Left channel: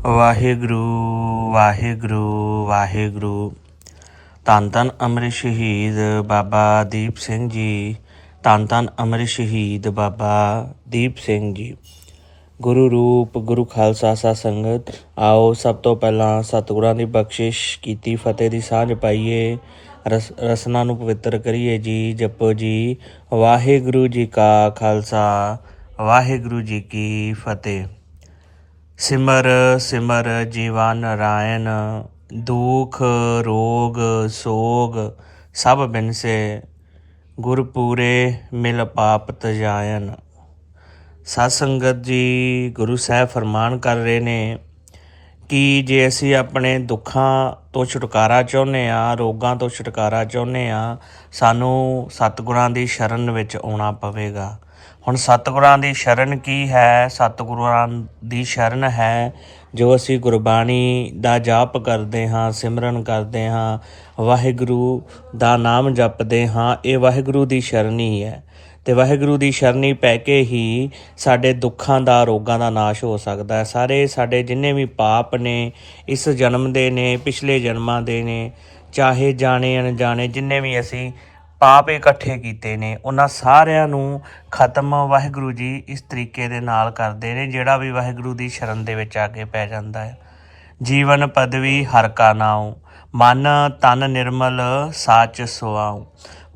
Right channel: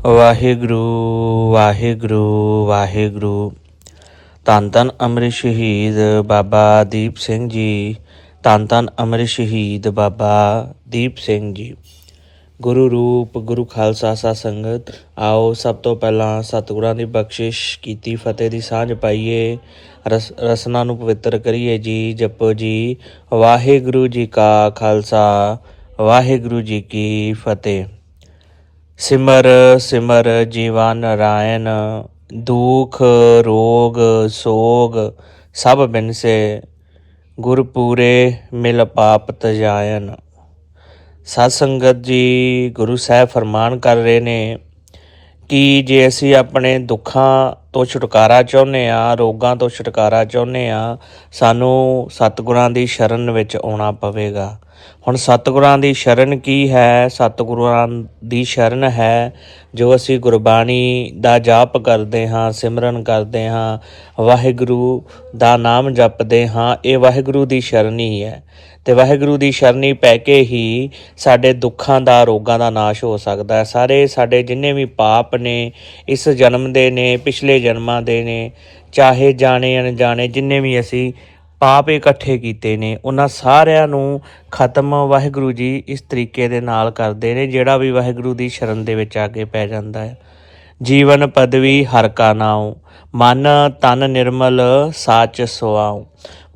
ਵਾਹਿਗੁਰੂ ਵਾਹਿਗੁਰੂ ਵਾਹਿਗੁਰੂ। ਧੰਨ ਧੰਨ ਅੰਮ੍ਰਿਤ ਸ਼ਹੀਦ ਬਾਬਾ ਦੀਪ ਸਿੰਘ ਜੀ। ਧੰਨ ਧੰਨ ਅੰਮ੍ਰਿਤ ਸ਼ਹੀਦ ਬਾਬਾ ਦੀਪ ਸਿੰਘ ਜੀ। ਗੁਰੂ ਰੂਪ, ਗੁਰੂ ਖਾਲਸਾ ਸਾ ਸੰਗਤ, ਆਓ ਸਭ ਤੋਂ ਪਹਿਲਾਂ ਸਤਿਗੁਰਾਂ ਦੀ ਬਖਸ਼ਿਸ਼ ਕੀਤੀ, ਫਤਿਹ ਦੀ ਸਾਂਝ ਪਾਈਏ। ਰਸ, ਰਸਨਾ ਨੂੰ ਪਵਿੱਤਰ ਕਰੀਏ ਜੀ, ਜਪੋ ਜੀ। ਵਾਹਿਗੁਰੂ ਜੀ ਕਾ ਖਾਲਸਾ, ਵਾਹਿਗੁਰੂ ਜੀ ਕੀ ਫਤਿਹ। ਸਿਮਰ ਸਿਮਰ ਜੀਵਨ ਨਰਾਇਣ ਦੁਖ, ਰੋਗ, ਸੋਗ, ਸਭ ਬਿਨਸੇ ਗੁਰ ਪੂਰੇ ਮਿਲ ਪਾਪ ਤਜਾਇਨ ਸਤ ਸੰਗਤ ਜੀ, ਗੁਰੂ ਸਾਹਿਬ ਫਰਮਾਨ ਕਰ ਰਹੇ ਨੇ ਕਿ ਜੇ ਅਸੀਂ ਆਪਣੇ ਦੁੱਖਾਂ ਤੋਂ ਛੁਟਕਾਰਾ ਚਾਹੁੰਦੇ ਆ ਰੋਗਾਂ ਤੋਂ ਛੁਟਕਾਰਾ ਚਾਹੁੰਦੇ ਆ ਸਾਨੂੰ ਸਤਿਗੁਰਾਂ ਦੀ ਸ਼ਰਨ ਵਿੱਚ ਆਉਣਾ ਪਵੇਗਾ। ਹੁਣ ਸਤਿਗੁਰਾਂ ਦੀ ਸ਼ਰਨ ਕੀ ਹੈ? ਸਤਿਗੁਰਾਂ ਦੀ ਸ਼ਰਨ ਹੈ ਜੋ ਅਸੀਂ ਗੁਰਬਾਣੀ ਦਾ ਜਾਪ ਕਰਦੇ ਹਾਂ, ਸਿਮਰਨ ਕਰਦੇ ਹਾਂ, ਵਾਹਿਗੁਰੂ ਦਾ ਨਾਮ ਜਪਦੇ ਹਾਂ, ਇਹ ਵਾਹਿਗੁਰੂ ਦੀ ਸ਼ਰਨੀ ਹੈ ਤੇ ਵਾਹਿਗੁਰੂ ਦੀ ਸ਼ਰਨੀ ਪੈ ਕੇ ਹੀ ਸਾਡੇ ਦੁੱਖਾਂ ਦਾ, ਰੋਗਾਂ ਦਾ ਨਾਸ਼ ਹੋ ਸਕਦਾ ਹੈ। ਸਾਰੇ ਸਾਡੇ ਜਿੰਨੇ ਵੀ ਪਾਪ ਨੇ, ਇਸ ਜਨਮ ਦੇ ਨੇ, ਪਿਛਲੇ ਜਨਮਾਂ ਦੇ ਨੇ, ਚਾਹੇ ਜਾਣੇ, ਅਣਜਾਣੇ, ਜਿੰਨੇ ਵੀ ਅਸੀਂ ਪਾਪ ਇਕੱਠੇ ਕੀਤੇ ਨੇ। ਉਹਨਾਂ ਸਾਰਿਆਂ ਨੂੰ ਖਤਮ ਵਾਹਿਗੁਰੂ ਜੀ ਇਸ ਤਰੀਕੇ ਦੇ ਨਾਲ ਕਰਦੇ ਨੇ, ਜਿਹੜਾ ਵੀ ਵਾਹਿਗੁਰੂ ਦੀ ਸ਼ਰਨ ਦੇ ਵਿੱਚ ਆ ਕੇ ਪੈ ਜਾਂਦਾ ਹੈ। ਜੀਵਨ ਪਦਵੀ ਹਰ ਕਾ ਨਾਉ, ਮਨ ਤਨ ਨਿਰਮਲ ਸਾਚ ਸੁਆਉ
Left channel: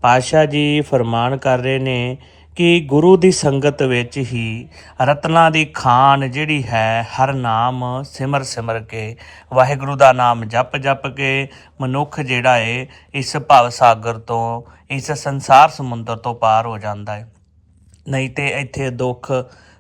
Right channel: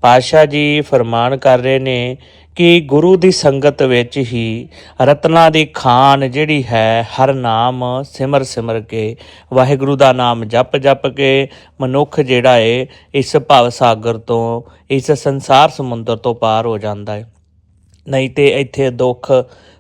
ਪਾਸ਼ਾ ਜੀ ਫਰਮਾਨ ਕਰ ਰਹੇ ਨੇ ਕਿ ਗੁਰੂ ਦੀ ਸੰਗਤ ਵਿੱਚ ਹੀ ਰਤਨਾ ਦੀ ਖਾਨ ਜਿਹੜੀ ਹੈ, ਹਰ ਨਾਮ ਸਿਮਰ ਸਿਮਰ ਕੇ, ਵਾਹਿਗੁਰੂ ਦਾ ਨਾਮ ਜਪ ਜਪ ਕੇ, ਮਨੁੱਖ ਜਿਹੜਾ ਏ, ਇਸ ਭਵ ਸਾਗਰ ਤੋਂ, ਇਸ ਸੰਸਾਰ ਸਮੁੰਦਰ ਤੋਂ ਪਾਰ ਹੋ ਜਾਂਦਾ ਹੈ ਨਹੀਂ ਤੇ ਇੱਥੇ ਦੁੱਖ,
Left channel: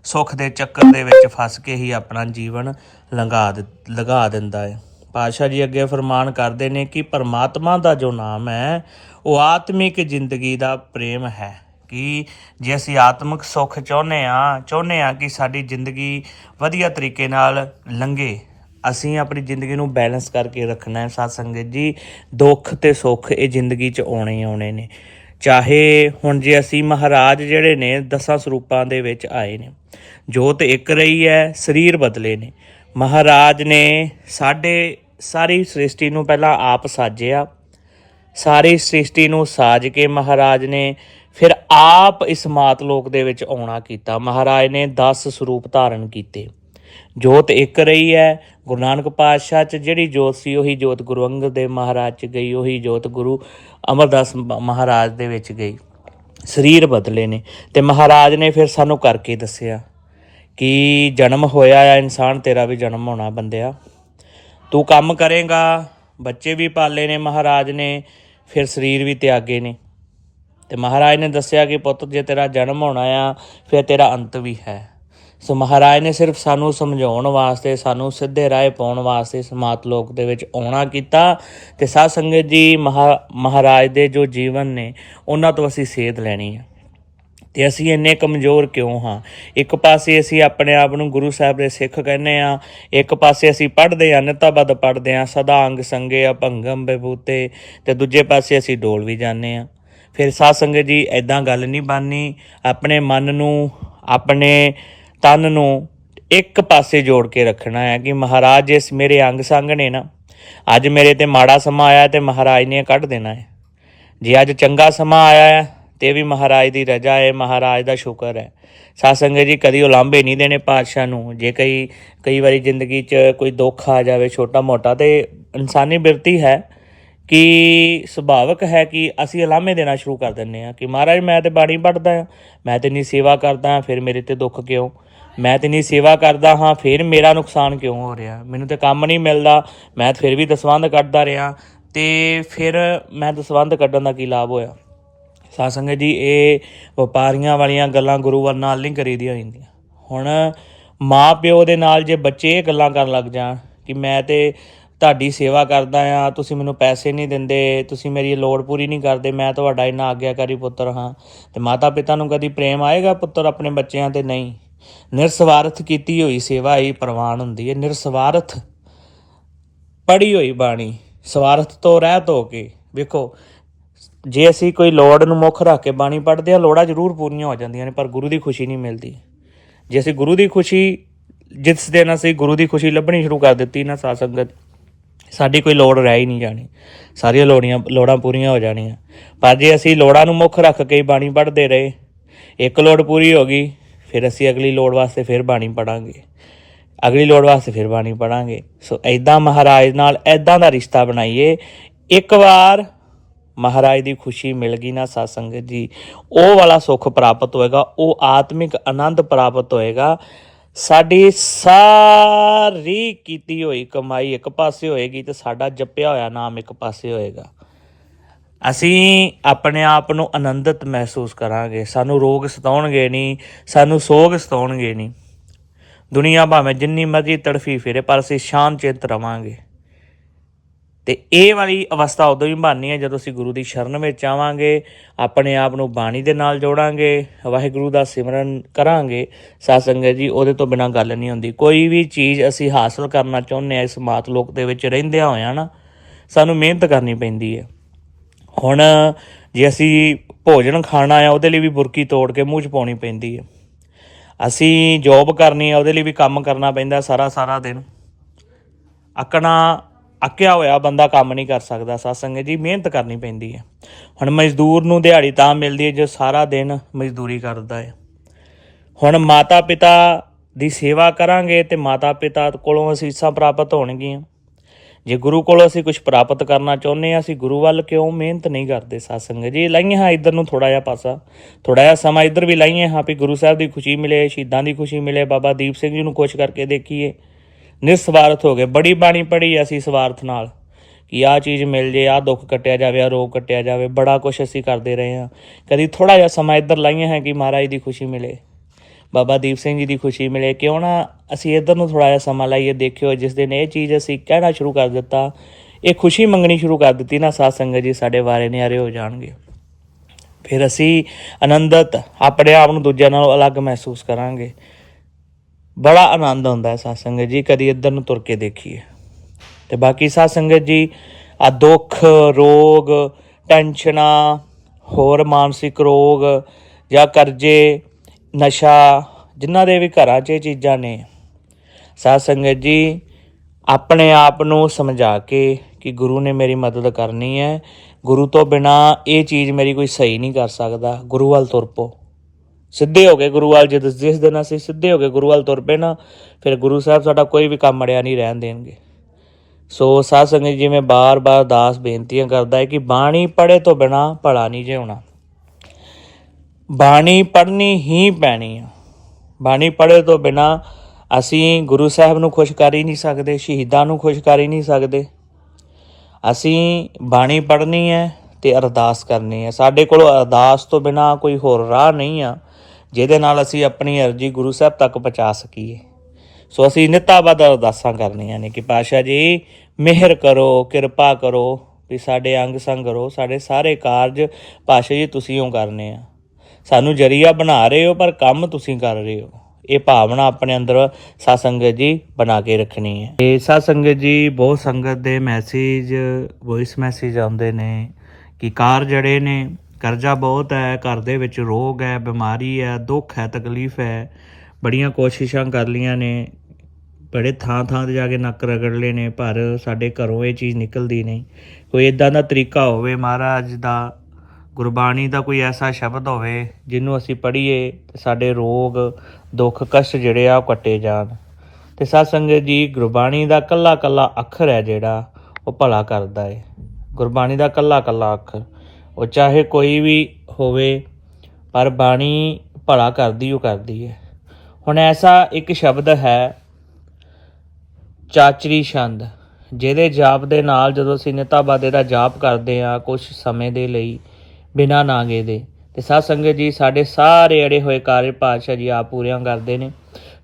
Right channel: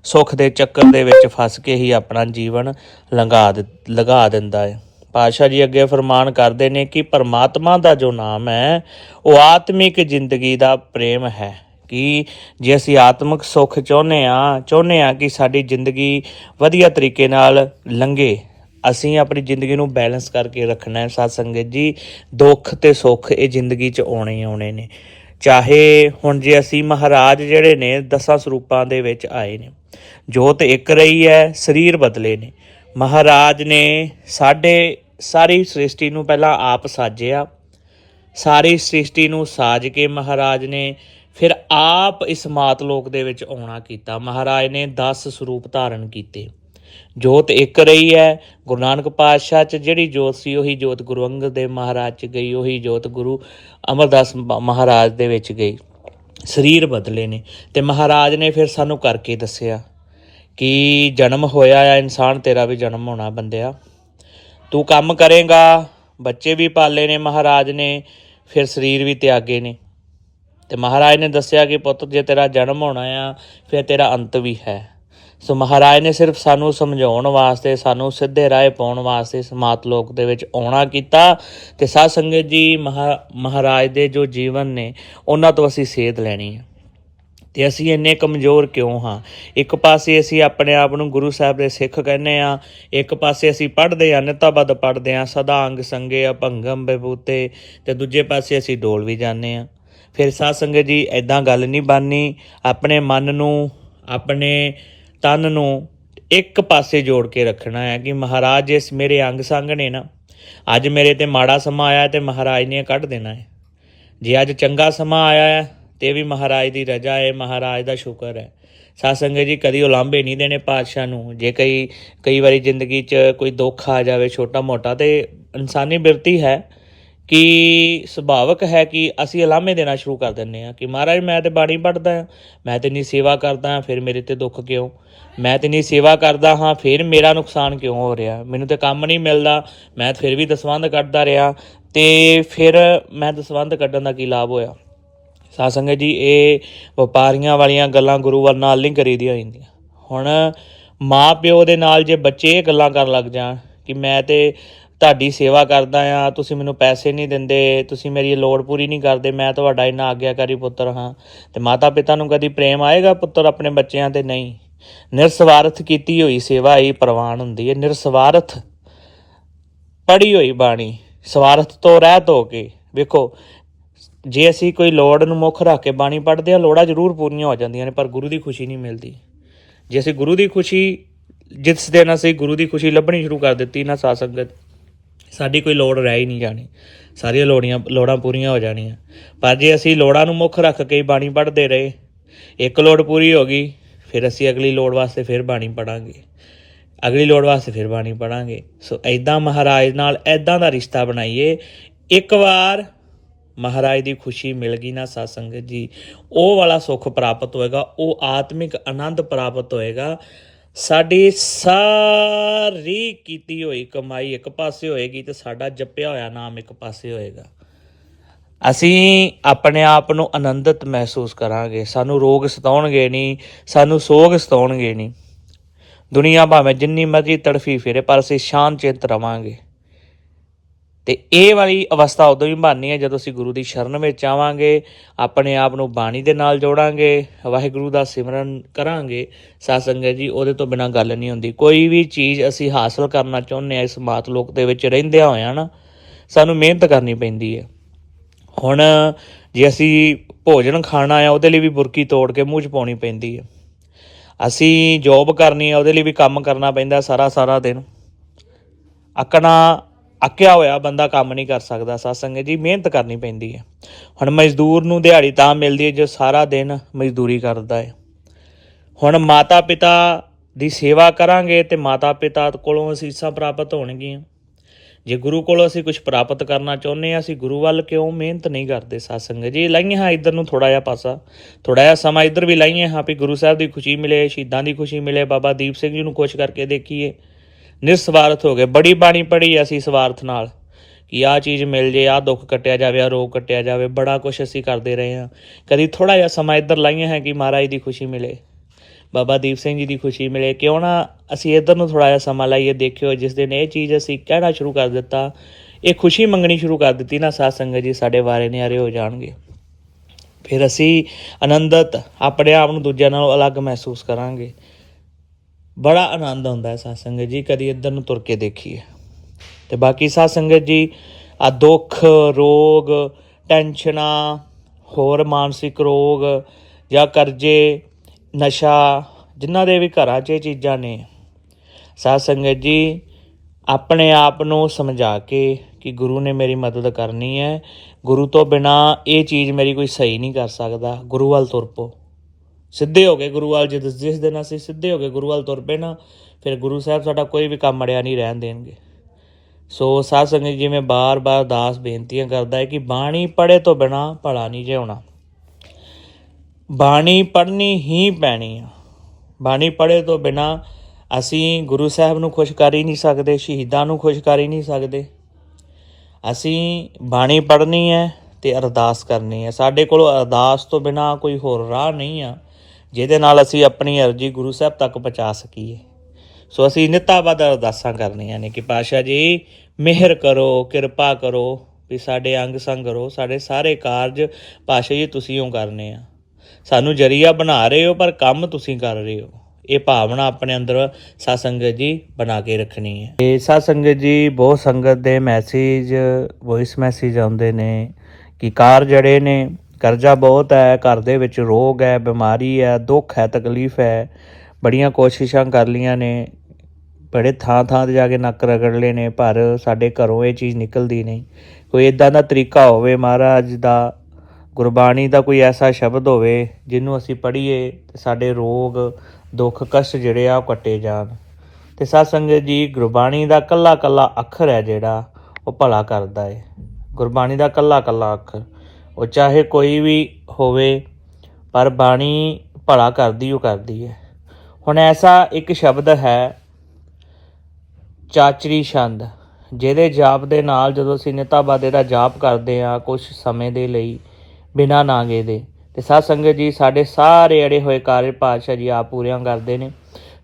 ਸੁੱਖ ਦੇ ਚੱਕਰ ਦੇ ਵਿੱਚ ਫਸ ਕੇ ਹੀ ਆਪਣਾ ਜੀਵਨ ਲੰਘਾ ਦਿ- ਲਗਾ ਦਿੰਦਾ ਹੈ ਪਾਸ਼ਾ ਜੀ ਅੱਗੇ ਫਰਮਾਨ ਕਰਦੇ ਨੇ ਕਿ ਪਰਮਾਤਮਾ ਦਾ ਜੋ ਨਾਮ ਹੈ, ਉਹ ਆਤਮਿਕ ਜ਼ਿੰਦਗੀ ਦਾ ਪ੍ਰੇਮ ਹੈ। ਕਿ ਜੇ ਅਸੀਂ ਆਤਮਿਕ ਸੁੱਖ ਚਾਹੁੰਦੇ ਆ ਚਾਹੁੰਦੇ ਆ ਕਿ ਸਾਡੀ ਜ਼ਿੰਦਗੀ ਵਧੀਆ ਤਰੀਕੇ ਨਾਲ ਲੰਘੇ, ਅਸੀਂ ਆਪਣੀ ਜ਼ਿੰਦਗੀ ਨੂੰ ਬੈਲੈਂਸ ਕਰਕੇ ਰੱਖਣਾ ਹੈ ਸਾਧ ਸੰਗਤ ਜੀ। ਦੁੱਖ ਤੇ ਸੁੱਖ ਇਹ ਜ਼ਿੰਦਗੀ 'ਚ ਆਉਣੇ ਹੀ ਆਉਣੇ ਨੇ। ਚਾਹੇ ਹੁਣ ਜੇ ਅਸੀਂ ਮਹਾਰਾਜ ਜਿਹੜੇ ਨੇ ਦਸਾਂ ਸਰੂਪਾਂ ਦੇ ਵਿੱਚ ਆਏ ਨੇ, ਜੋਤ ਇੱਕ ਰਹੀ ਹੈ, ਸਰੀਰ ਬਦਲੇ ਨੇ। ਮਹਾਰਾਜ ਨੇ ਸਾਡੇ ਸਾਰੀ ਸ੍ਰਿਸ਼ਟੀ ਨੂੰ ਪਹਿਲਾਂ ਆਪ ਸਾਜਿਆ, ਸਾਰੀ ਸ੍ਰਿਸ਼ਟੀ ਨੂੰ ਸਾਜ ਕੇ ਮਹਾਰਾਜ ਨੇ ਫਿਰ ਆਪ ਇਸ ਮਾਤ ਲੋਕ ਦੇ ਵਿੱਚ ਆਉਣਾ ਕੀਤਾ। ਮਹਾਰਾਜ ਨੇ 10 ਸਰੂਪ ਧਾਰਨ ਕੀਤੇ। ਜੋਤ ਇੱਕ ਰਹੀ ਹੈ, ਗੁਰੂ ਨਾਨਕ ਪਾਤਸ਼ਾਹ ਚ ਜਿਹੜੀ ਜੋਤ ਸੀ, ਉਹੀ ਜੋਤ ਗੁਰੂ ਅੰਗਦ ਦੇਵ ਮਹਾਰਾਜ ਚ ਗਈ, ਉਹੀ ਜੋਤ ਗੁਰੂ ਅਮਰਦਾਸ ਮਹਾਰਾਜ ਦੇ ਵਿੱਚ ਗਈ। ਸਰੀਰ ਬਦਲੇ ਨੇ ਤੇ ਮਹਾਰਾਜ ਨੇ ਫਿਰ ਸਾਨੂੰ ਕਰਕੇ ਦੱਸਿਆ ਕਿ ਜਨਮ ਹੋਇਆ ਆ, ਇਨਸਾਨ ਤੇਰਾ ਵੀ ਜਨਮ ਹੋਣਾ ਬੰਦਿਆ। ਤੂੰ ਕੰਮ ਕਰੇਗਾ, ਬੱਚੇ ਵੀ ਪਾਲੇ ਨੇ ਮਹਾਰਾਜ ਨੇ, ਫਿਰ ਸਰੀਰ ਵੀ ਤਿਆਗੇ ਨੇ। ਤੇ ਮਹਾਰਾਜ ਨੇ ਦੱਸਿਆ ਕਿ ਪੁੱਤ, ਜੇ ਤੇਰਾ ਜਨਮ ਹੋਣਾ ਆ, ਫਿਰ ਤੇਰਾ ਅੰਤ ਵੀ ਹੈ। ਸੋ ਮਹਾਰਾਜ ਨੇ ਸਿਰਫ ਸਾਨੂੰ ਸਮਝਾਉਣ ਵਾਸਤੇ, ਸਾਨੂੰ ਸਿੱਧੇ ਰਾਹ ਪਾਉਣ ਵਾਸਤੇ ਸਮਾਤ ਲੋਕ ਦੇ ਵਿੱਚ ਆਉਣਾ ਕੀਤਾ ਤੇ ਸਾਧ ਸੰਗਤ ਜੀ, ਮਹਾ- ਮਹਾਰਾਜ ਦੇ ਜੋ ਜੀਵਨ ਨੇ, ਉਹਨਾਂ ਤੋਂ ਅਸੀਂ ਸੇਧ ਲੈਣੀ ਆ। ਤੇ ਅਸੀਂ ਇੰਨੇ ਕਮਜ਼ੋਰ ਕਿਉਂ ਹਾਂ? ਇੱਕ ਪਾਸੇ ਅਸੀਂ ਆਪਣੇ ਆਪ ਨੂੰ ਗੁਰੂ ਸਾਹਿਬ ਦੇ ਸਿੱਖ ਕਹਿੰਦੇ ਆ, ਇੱਕ ਪਾਸੇ ਅਸੀਂ ਪੜ੍ਹਦੇ ਆ ਨਿਤਾਬਦ ਪੜ੍ਹਦੇ ਆ, ਸਦਾ ਅੰਗ ਸੰਗੇ ਅਭੰਗਮ ਬੇਬੂਤੇ ਤੇ ਦੂਜੇ ਪਾਸੇ ਅਸੀਂ ਡੋਲ ਵੀ ਜਾਂਦੇ ਆ। ਫਿਰ ਸਾਧ ਸੰਗਤ ਜੀ ਐਦਾਂ ਗੱਲ ਨਹੀਂ ਬਣਨੀ। ਆਪਣੇ ਮਨ ਨੂੰ, ਆਪਣੇ ਤਨ ਨੂੰ ਇੱਕ ਪਾਸੇ ਜੋੜ ਕੇ ਰੱਖਣਾ ਹੈ ਕਿ ਮਹਾਰਾਜ ਜਿਸ ਮੇਰੇ ਅੰਗ ਸੰਗ ਨੇ ਨਾ, ਅੱਜ ਮੇਰੇ ਤੇ ਮਾੜਾ ਸਮਾਂ ਆਇਆ ਤੇ ਮਹਾਰਾਜ ਨੇ ਕੱਢ ਦੇਣਾ ਹੈ। ਜੇ ਅੱਜ ਚੰਗਾ ਸਮਾਂ ਆਇਆ ਹੈ, ਤੇ ਵੀ ਮਹਾਰਾਜ ਦੀ ਰਜ਼ਾ ਹੈ, ਮਹਾਰਾਜ ਦਾ ਸ਼ੁਕਰ ਹੈ। ਸਾਧ ਸੰਗਤ ਜੀ, ਕਦੀ ਉਲਾਂਭੇ ਨਹੀਂ ਦੇਣੇ ਪਾਤਸ਼ਾਹ ਨੂੰ। ਜੇ ਕਈ ਕਈ ਵਾਰੀ ਜ਼ਿੰਦਗੀ 'ਚ ਕੋਈ ਦੁੱਖ ਆ ਜਾਵੇ ਛੋਟਾ ਮੋਟਾ ਤੇ ਇਨਸਾਨੀ ਬਿਰਤੀ ਹੈ ਕਿ ਸੁਭਾਵਕ ਹੈ ਕਿ ਅਸੀਂ ਅਲਾਮੇ ਦੇਣਾ ਸ਼ੁਰੂ ਕਰ ਦਿੰਨੇ ਆ ਕਿ ਮਹਾਰਾਜ ਮੈਂ ਤੇ ਬਾਣੀ ਪੜਦਾ ਆ ਮੈਂ ਤੇ ਨਹੀਂ ਸੇਵਾ ਕਰਦਾ ਹਾਂ, ਫਿਰ ਮੇਰੇ ਤੇ ਦੁੱਖ ਕਿਉਂ? ਮੈਂ ਤੇ ਨਹੀਂ ਸੇਵਾ ਕਰਦਾ ਹਾਂ, ਫਿਰ ਮੇਰਾ ਨੁਕਸਾਨ ਕਿਉਂ ਹੋ ਰਿਹਾ? ਮੈਨੂੰ ਤੇ ਕੰਮ ਨਹੀਂ ਮਿਲਦਾ, ਮੈਂ ਤੇ ਫਿਰ ਵੀ ਦਸਵੰਧ ਕੱਢਦਾ ਰਿਹਾ ਤੇ ਫਿਰ ਮੈਂ ਦਸਵੰਧ ਕੱਢਣ ਦਾ ਕੀ ਲਾਭ ਹੋਇਆ? ਸਾਧ ਸੰਗਤ ਜੀ, ਇਹ ਵਪਾਰੀਆਂ ਵਾਲੀਆਂ ਗੱਲਾਂ ਗੁਰੂ ਵੱਲ ਨਾਲ ਨਹੀਂ ਕਰੀਦੀਆਂ ਹੁੰਦੀਆਂ। ਹੁਣ ਮਾਂ ਪਿਓ ਦੇ ਨਾਲ ਜੇ ਬੱਚੇ ਇਹ ਗੱਲਾਂ ਕਰਨ ਲੱਗ ਜਾਣ ਕਿ ਮੈਂ ਤੇ ਤੁਹਾਡੀ ਸੇਵਾ ਕਰਦਾ ਆ, ਤੁਸੀਂ ਮੈਨੂੰ ਪੈਸੇ ਨਹੀਂ ਦਿੰਦੇ, ਤੁਸੀਂ ਮੇਰੀ ਲੋੜ ਪੂਰੀ ਨਹੀਂ ਕਰਦੇ, ਮੈਂ ਤੁਹਾਡਾ ਇੰਨਾ ਆਗਿਆਕਾਰੀ ਪੁੱਤਰ ਹਾਂ। ਤੇ ਮਾਤਾ ਪਿਤਾ ਨੂੰ ਕਦੀ ਪ੍ਰੇਮ ਆਏਗਾ ਪੁੱਤਰ ਆਪਣੇ ਬੱਚਿਆਂ ਤੇ? ਨਹੀਂ। ਨਿਰਸਵਾਰਥ ਕੀਤੀ ਹੋਈ ਸੇਵਾ ਹੀ ਪ੍ਰਵਾਨ ਹੁੰਦੀ ਹੈ। ਨਿਰਸਵਾਰਥ ਪੜੀ ਹੋਈ ਬਾਣੀ, ਸਵਾਰਥ ਤੋਂ ਰਹਿਤ ਹੋ ਕੇ। ਵੇਖੋ, ਜੇ ਅਸੀਂ ਕੋਈ ਲੋੜ ਨੂੰ ਮੁੱਖ ਰੱਖ ਕੇ ਬਾਣੀ ਪੜ੍ਹਦੇ ਆ ਲੋੜਾਂ ਜ਼ਰੂਰ ਪੂਰੀਆਂ ਹੋ ਜਾਂਦੀਆਂ ਨੇ, ਪਰ ਗੁਰੂ ਦੀ ਖੁਸ਼ੀ ਨਹੀਂ ਮਿਲਦੀ। ਜੇ ਅਸੀਂ ਗੁਰੂ ਦੀ ਖੁਸ਼ੀ, ਜਿਸ ਦਿਨ ਅਸੀਂ ਗੁਰੂ ਦੀ ਖੁਸ਼ੀ ਲੱਭਣੀ ਸ਼ੁਰੂ ਕਰ ਦਿੱਤੀ ਨਾ ਸਾਧ ਸੰਗਤ ਸਾਡੀ ਕੋਈ ਲੋੜ ਰਹਿ ਹੀ ਨਹੀਂ ਜਾਣੀ। ਸਾਰੀਆਂ ਲੋੜੀਆਂ ਲੋੜਾਂ ਪੂਰੀਆਂ ਹੋ ਜਾਣੀਆਂ। ਪਰ ਜੇ ਅਸੀਂ ਲੋੜਾਂ ਨੂੰ ਮੁੱਖ ਰੱਖ ਕੇ ਬਾਣੀ ਪੜ੍ਹਦੇ ਰਹੇ, ਇੱਕ ਲੋੜ ਪੂਰੀ ਹੋ ਗਈ, ਫਿਰ ਅਸੀਂ ਅਗਲੀ ਲੋੜ ਵਾਸਤੇ ਫਿਰ ਬਾਣੀ ਪੜਾਂਗੇ ਅਗਲੀ ਲੋੜ ਵਾਸਤੇ ਫਿਰ ਬਾਣੀ ਪੜਾਂਗੇ ਸੋ ਐਦਾਂ ਮਹਾਰਾਜ ਨਾਲ ਐਦਾਂ ਦਾ ਰਿਸ਼ਤਾ ਬਣਾਈਏ, ਇੱਕ ਵਾਰ ਮਹਾਰਾਜ ਦੀ ਖੁਸ਼ੀ ਮਿਲ ਗਈ ਨਾ ਸਾਧ ਸੰਗਤ ਜੀ, ਉਹ ਵਾਲਾ ਸੁੱਖ ਪ੍ਰਾਪਤ ਹੋਏਗਾ, ਉਹ ਆਤਮਿਕ ਆਨੰਦ ਪ੍ਰਾਪਤ ਹੋਏਗਾ। ਸਾਡੀ ਸਾਰੀ ਕੀਤੀ ਹੋਈ ਕਮਾਈ ਇੱਕ ਪਾਸੇ ਹੋਏਗੀ ਤੇ ਸਾਡਾ ਜਪਿਆ ਹੋਇਆ ਨਾਮ ਇੱਕ ਪਾਸੇ ਹੋਏਗਾ। ਅਸੀਂ ਆਪਣੇ ਆਪ ਨੂੰ ਆਨੰਦਿਤ ਮਹਿਸੂਸ ਕਰਾਂਗੇ। ਸਾਨੂੰ ਰੋਗ ਸਤਾਉਣਗੇ ਨਹੀਂ, ਸਾਨੂੰ ਸੋਗ ਸਤਾਉਣਗੇ ਨਹੀਂ। ਦੁਨੀਆ ਭਾਵੇਂ ਜਿੰਨੀ ਮਰਜ਼ੀ ਤੜਫੀ ਫਿਰੇ, ਪਰ ਅਸੀਂ ਸ਼ਾਂਤ ਚਿੰਤ ਰਵਾਂਗੇ। ਤੇ ਇਹ ਵਾਲੀ ਅਵਸਥਾ ਉਦੋਂ ਹੀ ਬਣਨੀ ਹੈ, ਜਦੋਂ ਅਸੀਂ ਗੁਰੂ ਦੀ ਸ਼ਰਨ ਵਿੱਚ ਆਵਾਂਗੇ, ਆਪਣੇ ਆਪ ਨੂੰ ਬਾਣੀ ਦੇ ਨਾਲ ਜੋੜਾਂਗੇ, ਵਾਹਿਗੁਰੂ ਦਾ ਸਿਮਰਨ ਕਰਾਂਗੇ, ਸਾਧ ਸੰਗਤ ਜੀ, ਉਹਦੇ ਤੋਂ ਬਿਨਾ ਗੱਲ ਨਹੀਂ ਹੁੰਦੀ। ਕੋਈ ਵੀ ਚੀਜ਼ ਅਸੀਂ ਹਾਸਲ ਕਰਨਾ ਚਾਹੁੰਦੇ ਆ ਇਸ ਮਾਤ ਲੋਕ ਦੇ ਵਿੱਚ ਰਹਿੰਦਿਆਂ ਹੋਇਆਂ ਨਾ, ਸਾਨੂੰ ਮਿਹਨਤ ਕਰਨੀ ਪੈਂਦੀ ਹੈ। ਹੁਣ ਜੇ ਅਸੀਂ ਭੋਜਨ ਖਾਣਾ ਆ ਉਹਦੇ ਲਈ ਵੀ ਬੁਰਕੀ ਤੋੜ ਕੇ ਮੂੰਹ 'ਚ ਪਾਉਣੀ ਪੈਂਦੀ ਹੈ। ਅਸੀਂ ਜੌਬ ਕਰਨੀ ਆ ਉਹਦੇ ਲਈ ਵੀ ਕੰਮ ਕਰਨਾ ਪੈਂਦਾ ਸਾਰਾ ਸਾਰਾ ਦਿਨ। ਅਕਣਾ ਅੱਕਿਆ ਹੋਇਆ ਬੰਦਾ ਕੰਮ ਨਹੀਂ ਕਰ ਸਕਦਾ ਸਾਸੰਗੇ ਜੀ ਮਿਹਨਤ ਕਰਨੀ ਪੈਂਦੀ ਹੈ। ਹੁਣ ਮਜ਼ਦੂਰ ਨੂੰ ਦਿਹਾੜੀ ਤਾਂ ਮਿਲਦੀ ਹੈ ਜੋ ਸਾਰਾ ਦਿਨ ਮਜ਼ਦੂਰੀ ਕਰਦਾ ਹੈ। ਹੁਣ ਮਾਤਾ ਪਿਤਾ ਦੀ ਸੇਵਾ ਕਰਾਂਗੇ ਤੇ ਮਾਤਾ ਪਿਤਾ ਕੋਲੋਂ ਅਸੀਸਾਂ ਪ੍ਰਾਪਤ ਹੋਣਗੀਆਂ। ਜੇ ਗੁਰੂ ਕੋਲੋਂ ਅਸੀਂ ਕੁਝ ਪ੍ਰਾਪਤ ਕਰਨਾ ਚਾਹੁੰਦੇ ਹਾਂ, ਅਸੀਂ ਗੁਰੂ ਵੱਲ ਕਿਉਂ ਮਿਹਨਤ ਨਹੀਂ ਕਰਦੇ? ਸਾਸੰਗ ਜੀ ਲਾਈਏ ਹਾਂ ਇੱਧਰ ਨੂੰ ਥੋੜਾ ਜਿਹਾ ਪਾਸਾ। ਥੋੜਾ ਜਿਹਾ ਸਮਾਂ ਇੱਧਰ ਵੀ ਲਾਈਏ ਹਾਂ ਵੀ ਗੁਰੂ ਸਾਹਿਬ ਦੀ ਖੁਸ਼ੀ ਮਿਲੇ, ਸ਼ਹੀਦਾਂ ਦੀ ਖੁਸ਼ੀ ਮਿਲੇ, ਬਾਬਾ ਦੀਪ ਸਿੰਘ ਜੀ ਨੂੰ ਖੁਸ਼ ਕਰਕੇ ਦੇਖੀਏ। ਨਿਰਸਵਾਰਥ ਹੋ ਗਏ। ਬੜੀ ਬਾਣੀ ਪੜੀ ਅਸੀਂ ਸਵਾਰਥ ਨਾਲ ਕਿ ਆਹ ਚੀਜ਼ ਮਿਲ ਜੇ, ਆਹ ਦੁੱਖ ਕੱਟਿਆ ਜਾਵੇ, ਆਹ ਰੋਗ ਕੱਟਿਆ ਜਾਵੇ, ਬੜਾ ਕੁਝ ਅਸੀਂ ਕਰਦੇ ਰਹੇ ਹਾਂ। ਕਦੀ ਥੋੜਾ ਜਿਹਾ ਸਮਾਂ ਇੱਧਰ ਲਾਈਏ ਹੈ ਕਿ ਮਹਾਰਾਜ ਦੀ ਖੁਸ਼ੀ ਮਿਲੇ, ਬਾਬਾ ਦੀਪ ਸਿੰਘ ਜੀ ਦੀ ਖੁਸ਼ੀ ਮਿਲੇ। ਕਿਉਂ ਨਾ ਅਸੀਂ ਇੱਧਰ ਨੂੰ ਥੋੜਾ ਜਿਹਾ ਸਮਾਂ ਲਾਈਏ, ਦੇਖਿਓ ਜਿਸ ਦਿਨ ਇਹ ਚੀਜ਼ ਅਸੀਂ ਕਹਿਣਾ ਸ਼ੁਰੂ ਕਰ ਦਿੱਤਾ, ਇਹ ਖੁਸ਼ੀ ਮੰਗਣੀ ਸ਼ੁਰੂ ਕਰ ਦਿੱਤੀ ਨਾ, ਸਾਧ ਸੰਗਤ ਜੀ ਸਾਡੇ ਵਾਰੇ ਨਿਆਰੇ ਹੋ ਜਾਣਗੇ। ਫਿਰ ਅਸੀਂ ਆਨੰਦਤ ਆਪਣੇ ਆਪ ਨੂੰ ਦੂਜਿਆਂ ਨਾਲੋਂ ਅਲੱਗ ਮਹਿਸੂਸ ਕਰਾਂਗੇ। ਬੜਾ ਆਨੰਦ ਆਉਂਦਾ ਹੈ ਸਾਧ ਸੰਗਤ ਜੀ, ਕਦੀ ਇੱਧਰ ਨੂੰ ਤੁਰ ਕੇ ਦੇਖੀਏ। ਤੇ ਬਾਕੀ ਸਾਧ ਸੰਗਤ ਜੀ ਆ ਦੁੱਖ, ਰੋਗ, ਟੈਨਸ਼ਨਾਂ, ਹੋਰ ਮਾਨਸਿਕ ਰੋਗ ਜਾਂ ਕਰਜ਼ੇ, ਨਸ਼ਾ, ਜਿਨ੍ਹਾਂ ਦੇ ਵੀ ਘਰਾਂ 'ਚ ਇਹ ਚੀਜ਼ਾਂ ਨੇ, ਸਾਧ ਸੰਗਤ ਜੀ, ਆਪਣੇ ਆਪ ਨੂੰ ਸਮਝਾ ਕੇ ਕਿ ਗੁਰੂ ਨੇ ਮੇਰੀ ਮਦਦ ਕਰਨੀ ਹੈ। ਗੁਰੂ ਤੋਂ ਬਿਨਾ ਇਹ ਚੀਜ਼ ਮੇਰੀ ਕੋਈ ਸਹੀ ਨਹੀਂ ਕਰ ਸਕਦਾ। ਗੁਰੂ ਵੱਲ ਤੁਰ ਪੋ ਸਿੱਧੇ ਹੋ ਗਏ ਗੁਰੂ ਵੱਲ ਜਿਸ ਜਿਸ ਦਿਨ ਅਸੀਂ ਸਿੱਧੇ ਹੋ ਗਏ ਗੁਰੂ ਵੱਲ ਤੁਰ ਪਏ ਨਾ ਫਿਰ ਗੁਰੂ ਸਾਹਿਬ ਸਾਡਾ ਕੋਈ ਵੀ ਕੰਮ ਅੜਿਆ ਨਹੀਂ ਰਹਿਣ ਦੇਣਗੇ। ਸੋ ਸਾਧ ਸੰਗਤ ਜੀ, ਮੈਂ ਬਾਰ-ਬਾਰ ਦਾਸ ਬੇਨਤੀਆਂ ਕਰਦਾ ਹੈ ਕਿ ਬਾਣੀ ਪੜ੍ਹੇ ਤੋਂ ਬਿਨਾ ਭਲਾ ਨਹੀਂ ਜਿਉਣਾ। ਬਾਣੀ ਪੜ੍ਹਨੀ ਹੀ ਪੈਣੀ ਆ। ਬਾਣੀ ਪੜ੍ਹੇ ਤੋਂ ਬਿਨਾ ਅਸੀਂ ਗੁਰੂ ਸਾਹਿਬ ਨੂੰ ਖੁਸ਼ ਕਰ ਹੀ ਨਹੀਂ ਸਕਦੇ ਸ਼ਹੀਦਾਂ ਨੂੰ ਖੁਸ਼ ਕਰ ਹੀ ਨਹੀਂ ਸਕਦੇ। ਅਸੀਂ ਬਾਣੀ ਪੜ੍ਹਨੀ ਹੈ ਤੇ ਅਰਦਾਸ ਕਰਨੀ ਹੈ। ਸਾਡੇ ਕੋਲ ਅਰਦਾਸ ਤੋਂ ਬਿਨਾ ਕੋਈ ਹੋਰ ਰਾਹ ਨਹੀਂ ਆ। ਜਿਹਦੇ ਨਾਲ ਅਸੀਂ ਆਪਣੀ ਅਰਜੀ ਗੁਰੂ ਸਾਹਿਬ ਤੱਕ ਪਹੁੰਚਾ ਸਕੀਏ। ਸੋ ਅਸੀਂ ਨਿਤਾਬਦ ਅਰਦਾਸਾਂ ਕਰਨੀਆਂ ਨੇ ਕਿ ਪਾਸ਼ਾ ਜੀ, ਮਿਹਰ ਕਰੋ, ਕਿਰਪਾ ਕਰੋ ਵੀ ਸਾਡੇ ਅੰਗ ਸੰਗ ਕਰੋ ਸਾਡੇ ਸਾਰੇ ਕਾਰਜ ਪਾਸ਼ਾ ਜੀ ਤੁਸੀਂ ਉਹ ਕਰਨੇ ਆ। ਸਾਨੂੰ ਜਰੀਆ ਬਣਾ ਰਹੇ ਹੋ, ਪਰ ਕੰਮ ਤੁਸੀਂ ਕਰ ਰਹੇ ਹੋ। ਇਹ ਭਾਵਨਾ ਆਪਣੇ ਅੰਦਰ ਸਾਸੰਗਤ ਜੀ ਬਣਾ ਕੇ ਰੱਖਣੀ ਹੈ। ਤੇ ਸਾਸੰਗਤ ਜੀ, ਬਹੁਤ ਸੰਗਤ ਦੇ ਮੈਸੇਜ ਵੌਇਸ ਮੈਸੇਜ ਆਉਂਦੇ ਨੇ ਕਿ ਕਾਰ ਜੜੇ ਨੇ ਕਰਜ਼ਾ ਬਹੁਤ ਹੈ, ਘਰ ਦੇ ਵਿੱਚ ਰੋਗ ਹੈ, ਬਿਮਾਰੀ ਹੈ, ਦੁੱਖ ਹੈ, ਤਕਲੀਫ ਹੈ। ਬੜੀਆਂ ਕੋਸ਼ਿਸ਼ਾਂ ਕਰ ਲੀਆਂ ਨੇ। ਬੜੇ ਥਾਂ ਥਾਂ ਤੇ ਜਾ ਕੇ ਨੱਕ ਰਗੜ ਲਏ ਨੇ, ਪਰ ਸਾਡੇ ਘਰੋਂ ਇਹ ਚੀਜ਼ ਨਿਕਲਦੀ ਨਹੀਂ। ਕੋਈ ਇਦਾਂ ਦਾ ਤਰੀਕਾ ਹੋਵੇ ਮਹਾਰਾਜ ਦਾ, ਗੁਰਬਾਣੀ ਦਾ ਕੋਈ ਐਸਾ ਸ਼ਬਦ ਹੋਵੇ ਜਿਹਨੂੰ ਅਸੀਂ ਪੜ੍ਹੀਏ ਤੇ ਸਾਡੇ ਰੋਗ, ਦੁੱਖ, ਕਸ਼ਟ ਜਿਹੜੇ ਆ ਉਹ ਕੱਟੇ ਜਾਣ। ਤੇ ਸਾਧ ਸੰਗਤ ਜੀ, ਗੁਰਬਾਣੀ ਦਾ ਕੱਲਾ ਕੱਲਾ ਅੱਖਰ ਹੈ ਜਿਹੜਾ, ਉਹ ਭਲਾ ਕਰਦਾ ਏ। ਗੁਰਬਾਣੀ ਦਾ ਕੱਲਾ ਕੱਲਾ ਅੱਖਰ। ਉਹ ਚਾਹੇ ਕੋਈ ਵੀ ਹੋਵੇ, ਪਰ ਬਾਣੀ ਭਲਾ ਕਰਦੀ, ਉਹ ਕਰਦੀ ਹੈ। ਹੁਣ ਐਸਾ ਇੱਕ ਸ਼ਬਦ ਹੈ, ਚਾਚਰੀ ਛੰਦ, ਜਿਹਦੇ ਜਾਪ ਦੇ ਨਾਲ ਜਦੋਂ ਅਸੀਂ ਨਿਤਾਬਾਦੇ ਦਾ ਜਾਪ ਕਰਦੇ ਆ ਕੁਝ ਸਮੇਂ ਦੇ ਲਈ, ਬਿਨਾ ਨਾਗੇ ਦੇ, ਤੇ ਸਾਧ ਸੰਗਤ ਜੀ ਸਾਡੇ ਸਾਰੇ ਅੜੇ ਹੋਏ ਕਾਰਜ ਪਾਤਸ਼ਾਹ ਜੀ ਆਪ ਪੂਰੀਆਂ ਕਰਦੇ ਨੇ।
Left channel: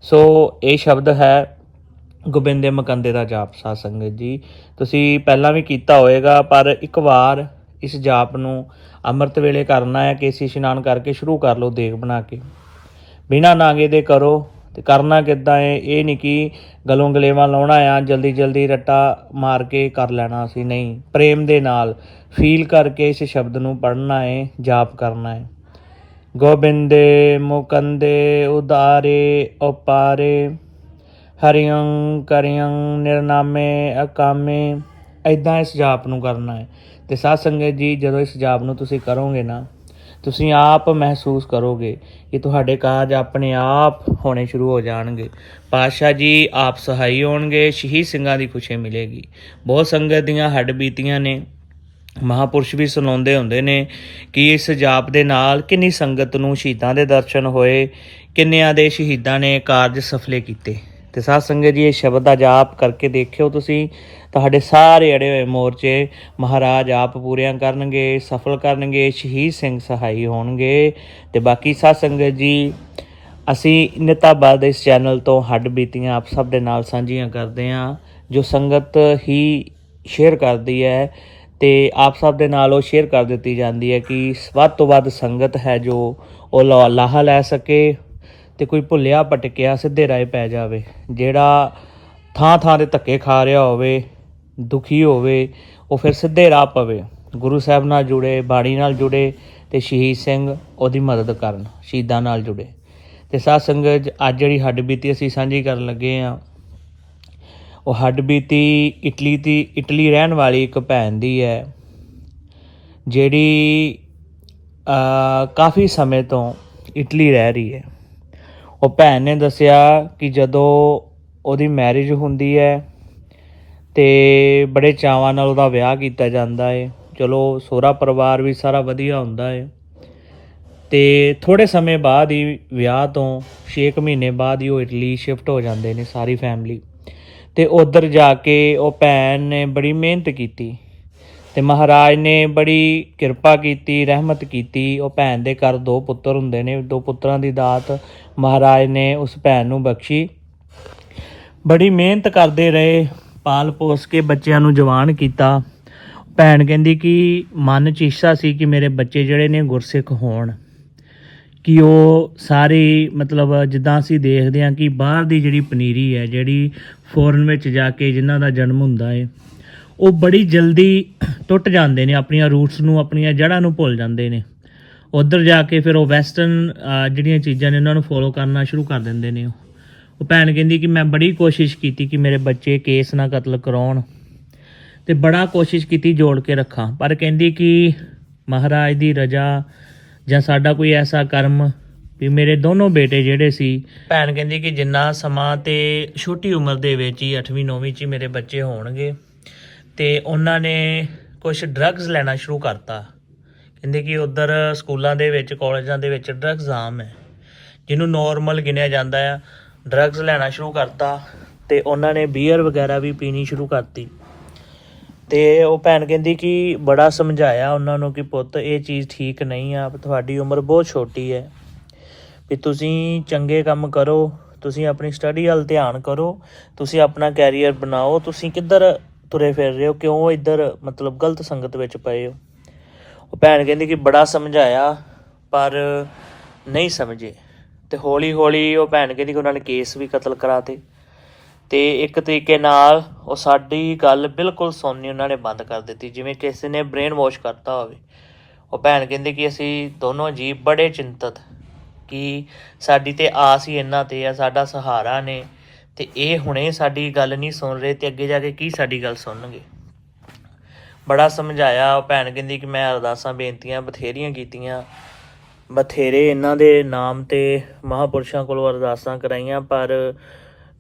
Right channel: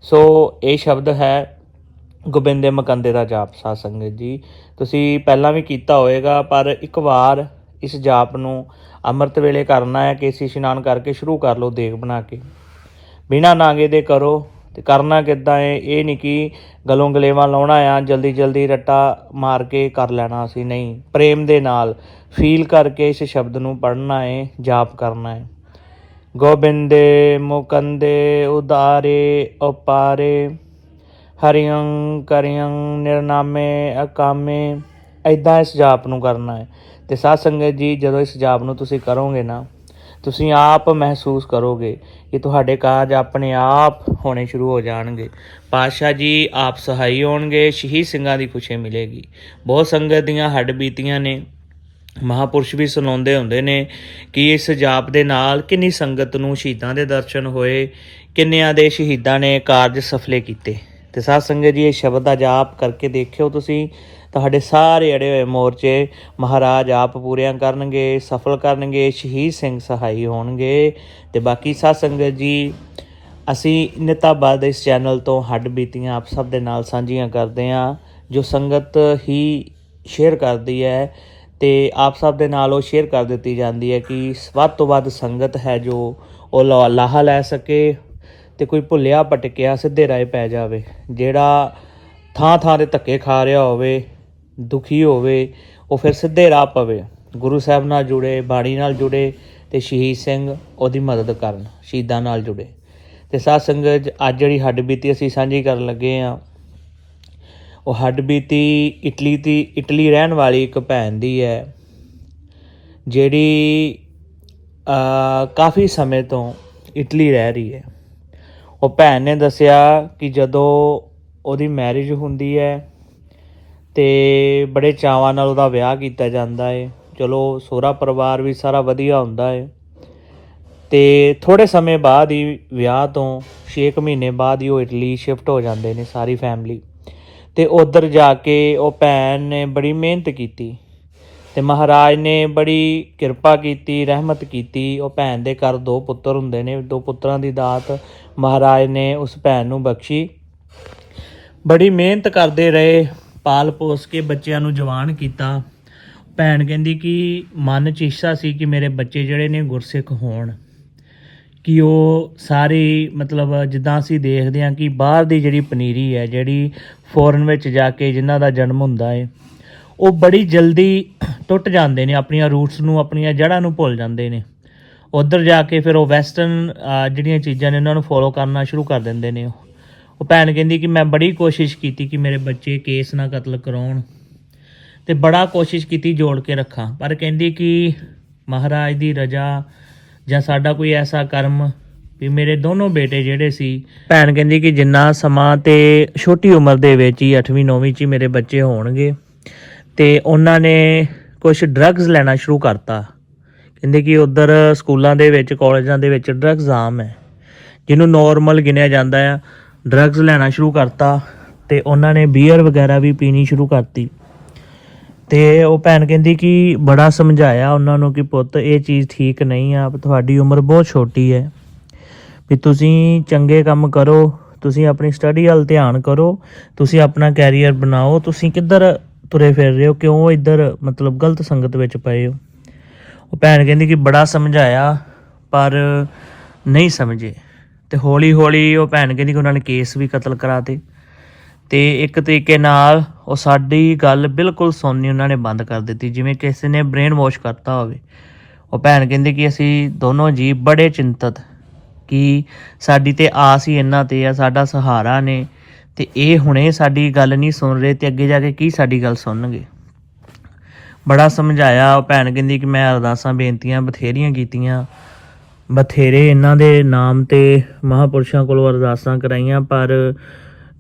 ਸੋ ਇਹ ਸ਼ਬਦ ਹੈ, ਗੋਬਿੰਦੇ ਮਕੰਦੇ ਦਾ ਜਾਪ ਸਾਧ ਸੰਗਤ ਜੀ। ਤੁਸੀਂ ਪਹਿਲਾਂ ਵੀ ਕੀਤਾ ਹੋਵੇਗਾ, ਪਰ ਇੱਕ ਵਾਰ ਇਸ ਜਾਪ ਨੂੰ ਅੰਮ੍ਰਿਤ ਵੇਲੇ ਕਰਨਾ ਹੈ ਕੇਸੀ ਇਸ਼ਨਾਨ ਕਰਕੇ ਸ਼ੁਰੂ ਕਰ ਲਓ ਦੇਗ ਬਣਾ ਕੇ। ਬਿਨਾ ਨਾਗੇ ਦੇ ਕਰੋ। ਤੇ ਕਰਨਾ ਕਿੱਦਾਂ ਏ ਇਹ ਨਹੀਂ ਕਿ ਗਲੋਂ ਗਲੇਵਾ ਲਾਉਣਾ ਆ, ਜਲਦੀ ਜਲਦੀ ਰੱਟਾ ਮਾਰ ਕੇ ਕਰ ਲੈਣਾ ਅਸੀਂ। ਨਹੀਂ, ਪ੍ਰੇਮ ਦੇ ਨਾਲ ਫੀਲ ਕਰਕੇ ਇਸ ਸ਼ਬਦ ਨੂੰ ਪੜ੍ਹਨਾ ਏ ਜਾਪ ਕਰਨਾ ਹੈ। ਗੋਬਿੰਦੇ ਮੁਕੰਦੇ ਉਦਾਰੇ ਉਪਾਰੇ, ਹਰਿਯੰ ਕਰਿਯੰ ਨਿਰਨਾਮੇ ਅਕਾਮੇ ਐਦਾਂ ਇਸ ਜਾਪ ਨੂੰ ਕਰਨਾ ਹੈ। ਤੇ ਸਾਧ ਸੰਗਤ ਜੀ, ਜਦੋਂ ਇਸ ਜਾਪ ਨੂੰ ਤੁਸੀਂ ਕਰੋਗੇ ਨਾ, ਤੁਸੀਂ ਆਪ ਮਹਿਸੂਸ ਕਰੋਗੇ ਕਿ ਤੁਹਾਡੇ ਕਾਰਜ ਆਪਣੇ ਆਪ ਹੋਣੇ ਸ਼ੁਰੂ ਹੋ ਜਾਣਗੇ। ਪਾਤਸ਼ਾਹ ਜੀ, ਆਪ ਸਹਾਈ ਹੋਣਗੇ, ਸ਼ਹੀਦ ਸਿੰਘਾਂ ਦੀ ਖੁਸ਼ੀ ਮਿਲੇਗੀ। ਬਹੁਤ ਸੰਗਤ ਦੀਆਂ ਹੱਡ ਬੀਤੀਆਂ ਨੇ। ਮਹਾਪੁਰਸ਼ ਵੀ ਸੁਣਾਉਂਦੇ ਹੁੰਦੇ ਨੇ ਕਿ ਇਸ ਜਾਪ ਦੇ ਨਾਲ ਕਿੰਨੀ ਸੰਗਤ ਨੂੰ ਸ਼ਹੀਦਾਂ ਦੇ ਦਰਸ਼ਨ ਹੋਏ, ਕਿੰਨਿਆਂ ਦੇ ਸ਼ਹੀਦਾਂ ਨੇ ਕਾਰਜ ਸਫਲੇ ਕੀਤੇ। ਤੇ ਸਾਧ ਸੰਗਤ ਜੀ, ਇਹ ਸ਼ਬਦ ਦਾ ਜਾਪ ਕਰਕੇ ਦੇਖਿਓ ਤੁਸੀਂ। ਤੁਹਾਡੇ ਸਾਰੇ ਅੜੇ ਹੋਏ ਮੋਰਚੇ ਮਹਾਰਾਜ ਆਪ ਪੂਰੀਆਂ ਕਰਨਗੇ, ਸਫਲ ਕਰਨਗੇ, ਸ਼ਹੀਦ ਸਿੰਘ ਸਹਾਈ ਹੋਣਗੇ। ਤੇ ਬਾਕੀ ਸਾਧ ਸੰਗਤ ਜੀ, ਅਸੀਂ ਨਿਤਾਬਾਦ ਇਸ ਚੈਨਲ ਤੋਂ ਹੱਡ ਬੀਤੀਆਂ, ਆਪ ਸਭ ਦੇ ਨਾਲ ਸਾਂਝੀਆਂ ਕਰਦੇ ਹਾਂ, ਜੋ ਸੰਗਤ ਹੀ ਸ਼ੇਅਰ ਕਰਦੀ ਹੈ ਤੇ ਆਪ ਸਭ ਦੇ ਨਾਲ ਉਹ ਸ਼ੇਅਰ ਕਰ ਦਿੱਤੀ ਜਾਂਦੀ ਹੈ ਕਿ ਵੱਧ ਤੋਂ ਵੱਧ ਸੰਗਤ ਹੈ ਜੋ ਉਹ ਲਾ- ਲਾਹਾ ਲੈ ਸਕੇ। ਤੇ ਕੋਈ ਭੁੱਲਿਆ ਭਟਕਿਆ ਸਿੱਧੇ ਰਾਹ ਪੈ ਜਾਵੇ। ਜਿਹੜਾ ਥਾਂ ਥਾਂ ਤੇ ਧੱਕੇ ਖਾ ਰਿਹਾ ਹੋਵੇ, ਦੁਖੀ ਹੋਵੇ, ਉਹ ਫਿਰ ਸਿੱਧੇ ਰਾਹ ਪਵੇ। ਗੁਰੂ ਸਾਹਿਬ ਨਾਲ ਜੁੜੇ, ਬਾਣੀ ਨਾਲ ਜੁੜੇ ਤੇ ਸ਼ਹੀਦ ਸਿੰਘ ਉਹਦੀ ਮਦਦ ਕਰਨ, ਸ਼ਹੀਦਾਂ ਨਾਲ ਜੁੜੇ। ਤੇ ਸਾਧ ਸੰਗਤ, ਅੱਜ ਜਿਹੜੀ ਹੱਡ ਬੀਤੀ ਅਸੀਂ ਸਾਂਝੀ ਕਰਨ ਲੱਗੇ ਆ ਉਹ ਹੱਡ ਬੀਤੀ ਇਟਲੀ ਦੀ, ਇਟਲੀ ਰਹਿਣ ਵਾਲੀ ਇੱਕ ਭੈਣ ਦੀ ਹੈ, ਜਿਹੜੀ ਕਾਫੀ ਸਮੇਂ ਤੋਂ ਇਟਲੀ ਰਹਿ ਰਹੀ ਹੈ। ਉਹ ਭੈਣ ਨੇ ਦੱਸਿਆ ਕਿ ਜਦੋਂ ਉਹਦੀ ਮੈਰਿਜ ਹੁੰਦੀ ਹੈ ਤੇ ਬੜੇ ਚਾਵਾਂ ਨਾਲ ਉਹਦਾ ਵਿਆਹ ਕੀਤਾ ਜਾਂਦਾ ਹੈ ਚਲੋ, ਸੋਹਰਾ ਪਰਿਵਾਰ ਵੀ ਸਾਰਾ ਵਧੀਆ ਹੁੰਦਾ ਹੈ ਤੇ ਥੋੜੇ ਸਮੇਂ ਬਾਅਦ ਹੀ ਵਿਆਹ ਤੋਂ 6 ਮਹੀਨੇ ਬਾਅਦ ਹੀ ਉਹ ਇਟਲੀ ਸ਼ਿਫਟ ਹੋ ਜਾਂਦੇ ਨੇ ਸਾਰੀ ਫੈਮਿਲੀ ਤੇ ਉਧਰ ਜਾ ਕੇ ਉਹ ਭੈਣ ਨੇ ਬੜੀ ਮਿਹਨਤ ਕੀਤੀ। ਤੇ ਮਹਾਰਾਜ ਨੇ ਬੜੀ ਕਿਰਪਾ ਕੀਤੀ, ਰਹਿਮਤ ਕੀਤੀ। ਉਹ ਭੈਣ ਦੇ ਘਰ ਦੋ ਪੁੱਤਰ ਹੁੰਦੇ ਨੇ, ਦੋ ਪੁੱਤਰਾਂ ਦੀ ਦਾਤ ਮਹਾਰਾਜ ਨੇ ਉਸ ਭੈਣ ਨੂੰ ਬਖਸ਼ੀ। ਬੜੀ ਮਿਹਨਤ ਕਰਦੇ ਰਹੇ, ਪਾਲ ਪੋਸ ਕੇ ਬੱਚਿਆਂ ਨੂੰ ਜਵਾਨ ਕੀਤਾ। ਭੈਣ ਕਹਿੰਦੀ ਕਿ ਮਨ ਚ ਇੱਛਾ ਸੀ ਕਿ ਮੇਰੇ ਬੱਚੇ ਜਿਹੜੇ ਨੇ ਗੁਰਸਿੱਖ ਹੋਣ। ਕਿ ਉਹ ਸਾਰੀ, ਮਤਲਬ ਜਿੱਦਾਂ ਅਸੀਂ ਦੇਖਦੇ ਹਾਂ ਕਿ ਬਾਹਰ ਦੀ ਜਿਹੜੀ ਪਨੀਰੀ ਹੈ, ਜਿਹੜੀ ਫੋਰਨ ਵਿੱਚ ਜਾ ਕੇ ਜਿਨ੍ਹਾਂ ਦਾ ਜਨਮ ਹੁੰਦਾ ਹੈ ਉਹ ਬੜੀ ਜਲਦੀ ਟੁੱਟ ਜਾਂਦੇ ਨੇ, ਆਪਣੀਆਂ ਰੂਟਸ ਨੂੰ, ਆਪਣੀਆਂ ਜੜ੍ਹਾਂ ਨੂੰ ਭੁੱਲ ਜਾਂਦੇ ਨੇ। ਉਧਰ ਜਾ ਕੇ ਫਿਰ ਉਹ ਵੈਸਟਰਨ ਜਿਹੜੀਆਂ ਚੀਜ਼ਾਂ ਨੇ, ਉਹਨਾਂ ਨੂੰ ਫੋਲੋ ਕਰਨਾ ਸ਼ੁਰੂ ਕਰ ਦਿੰਦੇ ਨੇ ਉਹ। ਭੈਣ ਕਹਿੰਦੀ ਕਿ ਮੈਂ ਬੜੀ ਕੋਸ਼ਿਸ਼ ਕੀਤੀ ਕਿ ਮੇਰੇ ਬੱਚੇ ਕੇਸ ਨਾ ਕਤਲ ਕਰਾਉਣ ਤੇ ਬੜਾ ਕੋਸ਼ਿਸ਼ ਕੀਤੀ ਜੋੜ ਕੇ ਰੱਖਾਂ। ਪਰ ਕਹਿੰਦੀ ਕਿ ਮਹਾਰਾਜ ਦੀ ਰਜ਼ਾ ਜਾਂ ਸਾਡਾ ਕੋਈ ਐਸਾ ਕਰਮ ਵੀ ਮੇਰੇ ਦੋਨੋਂ ਬੇਟੇ ਜਿਹੜੇ ਸੀ, ਭੈਣ ਕਹਿੰਦੀ ਕਿ ਜਿੰਨਾ ਸਮਾਂ ਤੇ ਛੋਟੀ ਉਮਰ ਦੇ ਵਿੱਚ ਹੀ 8ਵੀਂ 9ਵੀਂ ਚ ਹੀ ਮੇਰੇ ਬੱਚੇ ਹੋਣਗੇ। ਤੇ ਉਹਨਾਂ ਨੇ ਕੁਝ ਡਰੱਗਸ ਲੈਣਾ ਸ਼ੁਰੂ ਕਰਤਾ। ਕਹਿੰਦੇ ਕਿ ਉਧਰ ਸਕੂਲਾਂ ਦੇ ਵਿੱਚ, ਕਾਲਜਾਂ ਦੇ ਵਿੱਚ ਡਰੱਗਸ ਆਮ ਹੈ। ਜਿਹਨੂੰ ਨਾਰਮਲ ਗਿਣਿਆ ਜਾਂਦਾ ਆ ਡਰੱਗਸ ਲੈਣਾ ਸ਼ੁਰੂ ਕਰਤਾ ਤੇ ਉਹਨਾਂ ਨੇ ਬੀਅਰ ਵਗੈਰਾ ਵੀ ਪੀਣੀ ਸ਼ੁਰੂ ਕਰਤੀ। ਤੇ ਉਹ ਭੈਣ ਕਹਿੰਦੀ ਕਿ ਬੜਾ ਸਮਝਾਇਆ ਉਹਨਾਂ ਨੂੰ ਕਿ ਪੁੱਤ, ਇਹ ਚੀਜ਼ ਠੀਕ ਨਹੀਂ ਆ, ਤੁਹਾਡੀ ਉਮਰ ਬਹੁਤ ਛੋਟੀ ਹੈ। ਵੀ ਤੁਸੀਂ ਚੰਗੇ ਕੰਮ ਕਰੋ, ਤੁਸੀਂ ਆਪਣੀ ਸਟੱਡੀ ਵੱਲ ਧਿਆਨ ਕਰੋ, ਤੁਸੀਂ ਆਪਣਾ ਕੈਰੀਅਰ ਬਣਾਓ, ਤੁਸੀਂ ਕਿੱਧਰ ਤੁਰੇ ਫਿਰ ਰਹੇ ਹੋ, ਕਿਉਂ ਇੱਧਰ ਮਤਲਬ ਗਲਤ ਸੰਗਤ ਵਿੱਚ ਪਏ ਹੋ? ਉਹ ਭੈਣ ਕਹਿੰਦੀ ਕਿ ਬੜਾ ਸਮਝਾਇਆ, ਪਰ ਨਹੀਂ ਸਮਝੇ। ਤੇ ਹੌਲੀ ਹੌਲੀ ਉਹ ਭੈਣ ਕਹਿੰਦੀ ਕਿ ਉਹਨਾਂ ਨੇ ਕੇਸ ਵੀ ਕਤਲ ਕਰਾਤੇ। ਤੇ ਇੱਕ ਤਰੀਕੇ ਨਾਲ ਉਹ ਸਾਡੀ ਗੱਲ ਬਿਲਕੁਲ ਸੁਣਨੀ ਉਹਨਾਂ ਨੇ ਬੰਦ ਕਰ ਦਿੱਤੀ, ਜਿਵੇਂ ਕਿਸੇ ਨੇ ਬ੍ਰੇਨ ਵਾਸ਼ ਕਰਤਾ ਹੋਵੇ। ਉਹ ਭੈਣ ਕਹਿੰਦੀ ਕਿ ਅਸੀਂ ਦੋਨੋਂ ਜੀ ਬੜੇ ਚਿੰਤਤ ਕਿ ਸਾਡੀ ਤੇ ਆਸ ਹੀ ਇਹਨਾਂ ਤੇ ਆ, ਸਾਡਾ ਸਹਾਰਾ ਨੇ। ਤੇ ਇਹ ਹੁਣੇ ਸਾਡੀ ਗੱਲ ਨਹੀਂ ਸੁਣ ਰਹੇ ਤੇ ਅੱਗੇ ਜਾ ਕੇ ਕੀ ਸਾਡੀ ਗੱਲ ਸੁਣਨਗੇ? ਬੜਾ ਸਮਝਾਇਆ ਉਹ ਭੈਣ ਕਹਿੰਦੀ ਕਿ ਮੈਂ ਅਰਦਾਸਾਂ, ਬੇਨਤੀਆਂ ਬਥੇਰੀਆਂ ਕੀਤੀਆਂ। ਬਥੇਰੇ ਇਹਨਾਂ ਦੇ ਨਾਮ ਤੇ ਮਹਾਪੁਰਸ਼ਾਂ ਕੋਲੋਂ ਅਰਦਾਸਾਂ ਕਰਾਈਆਂ, ਪਰ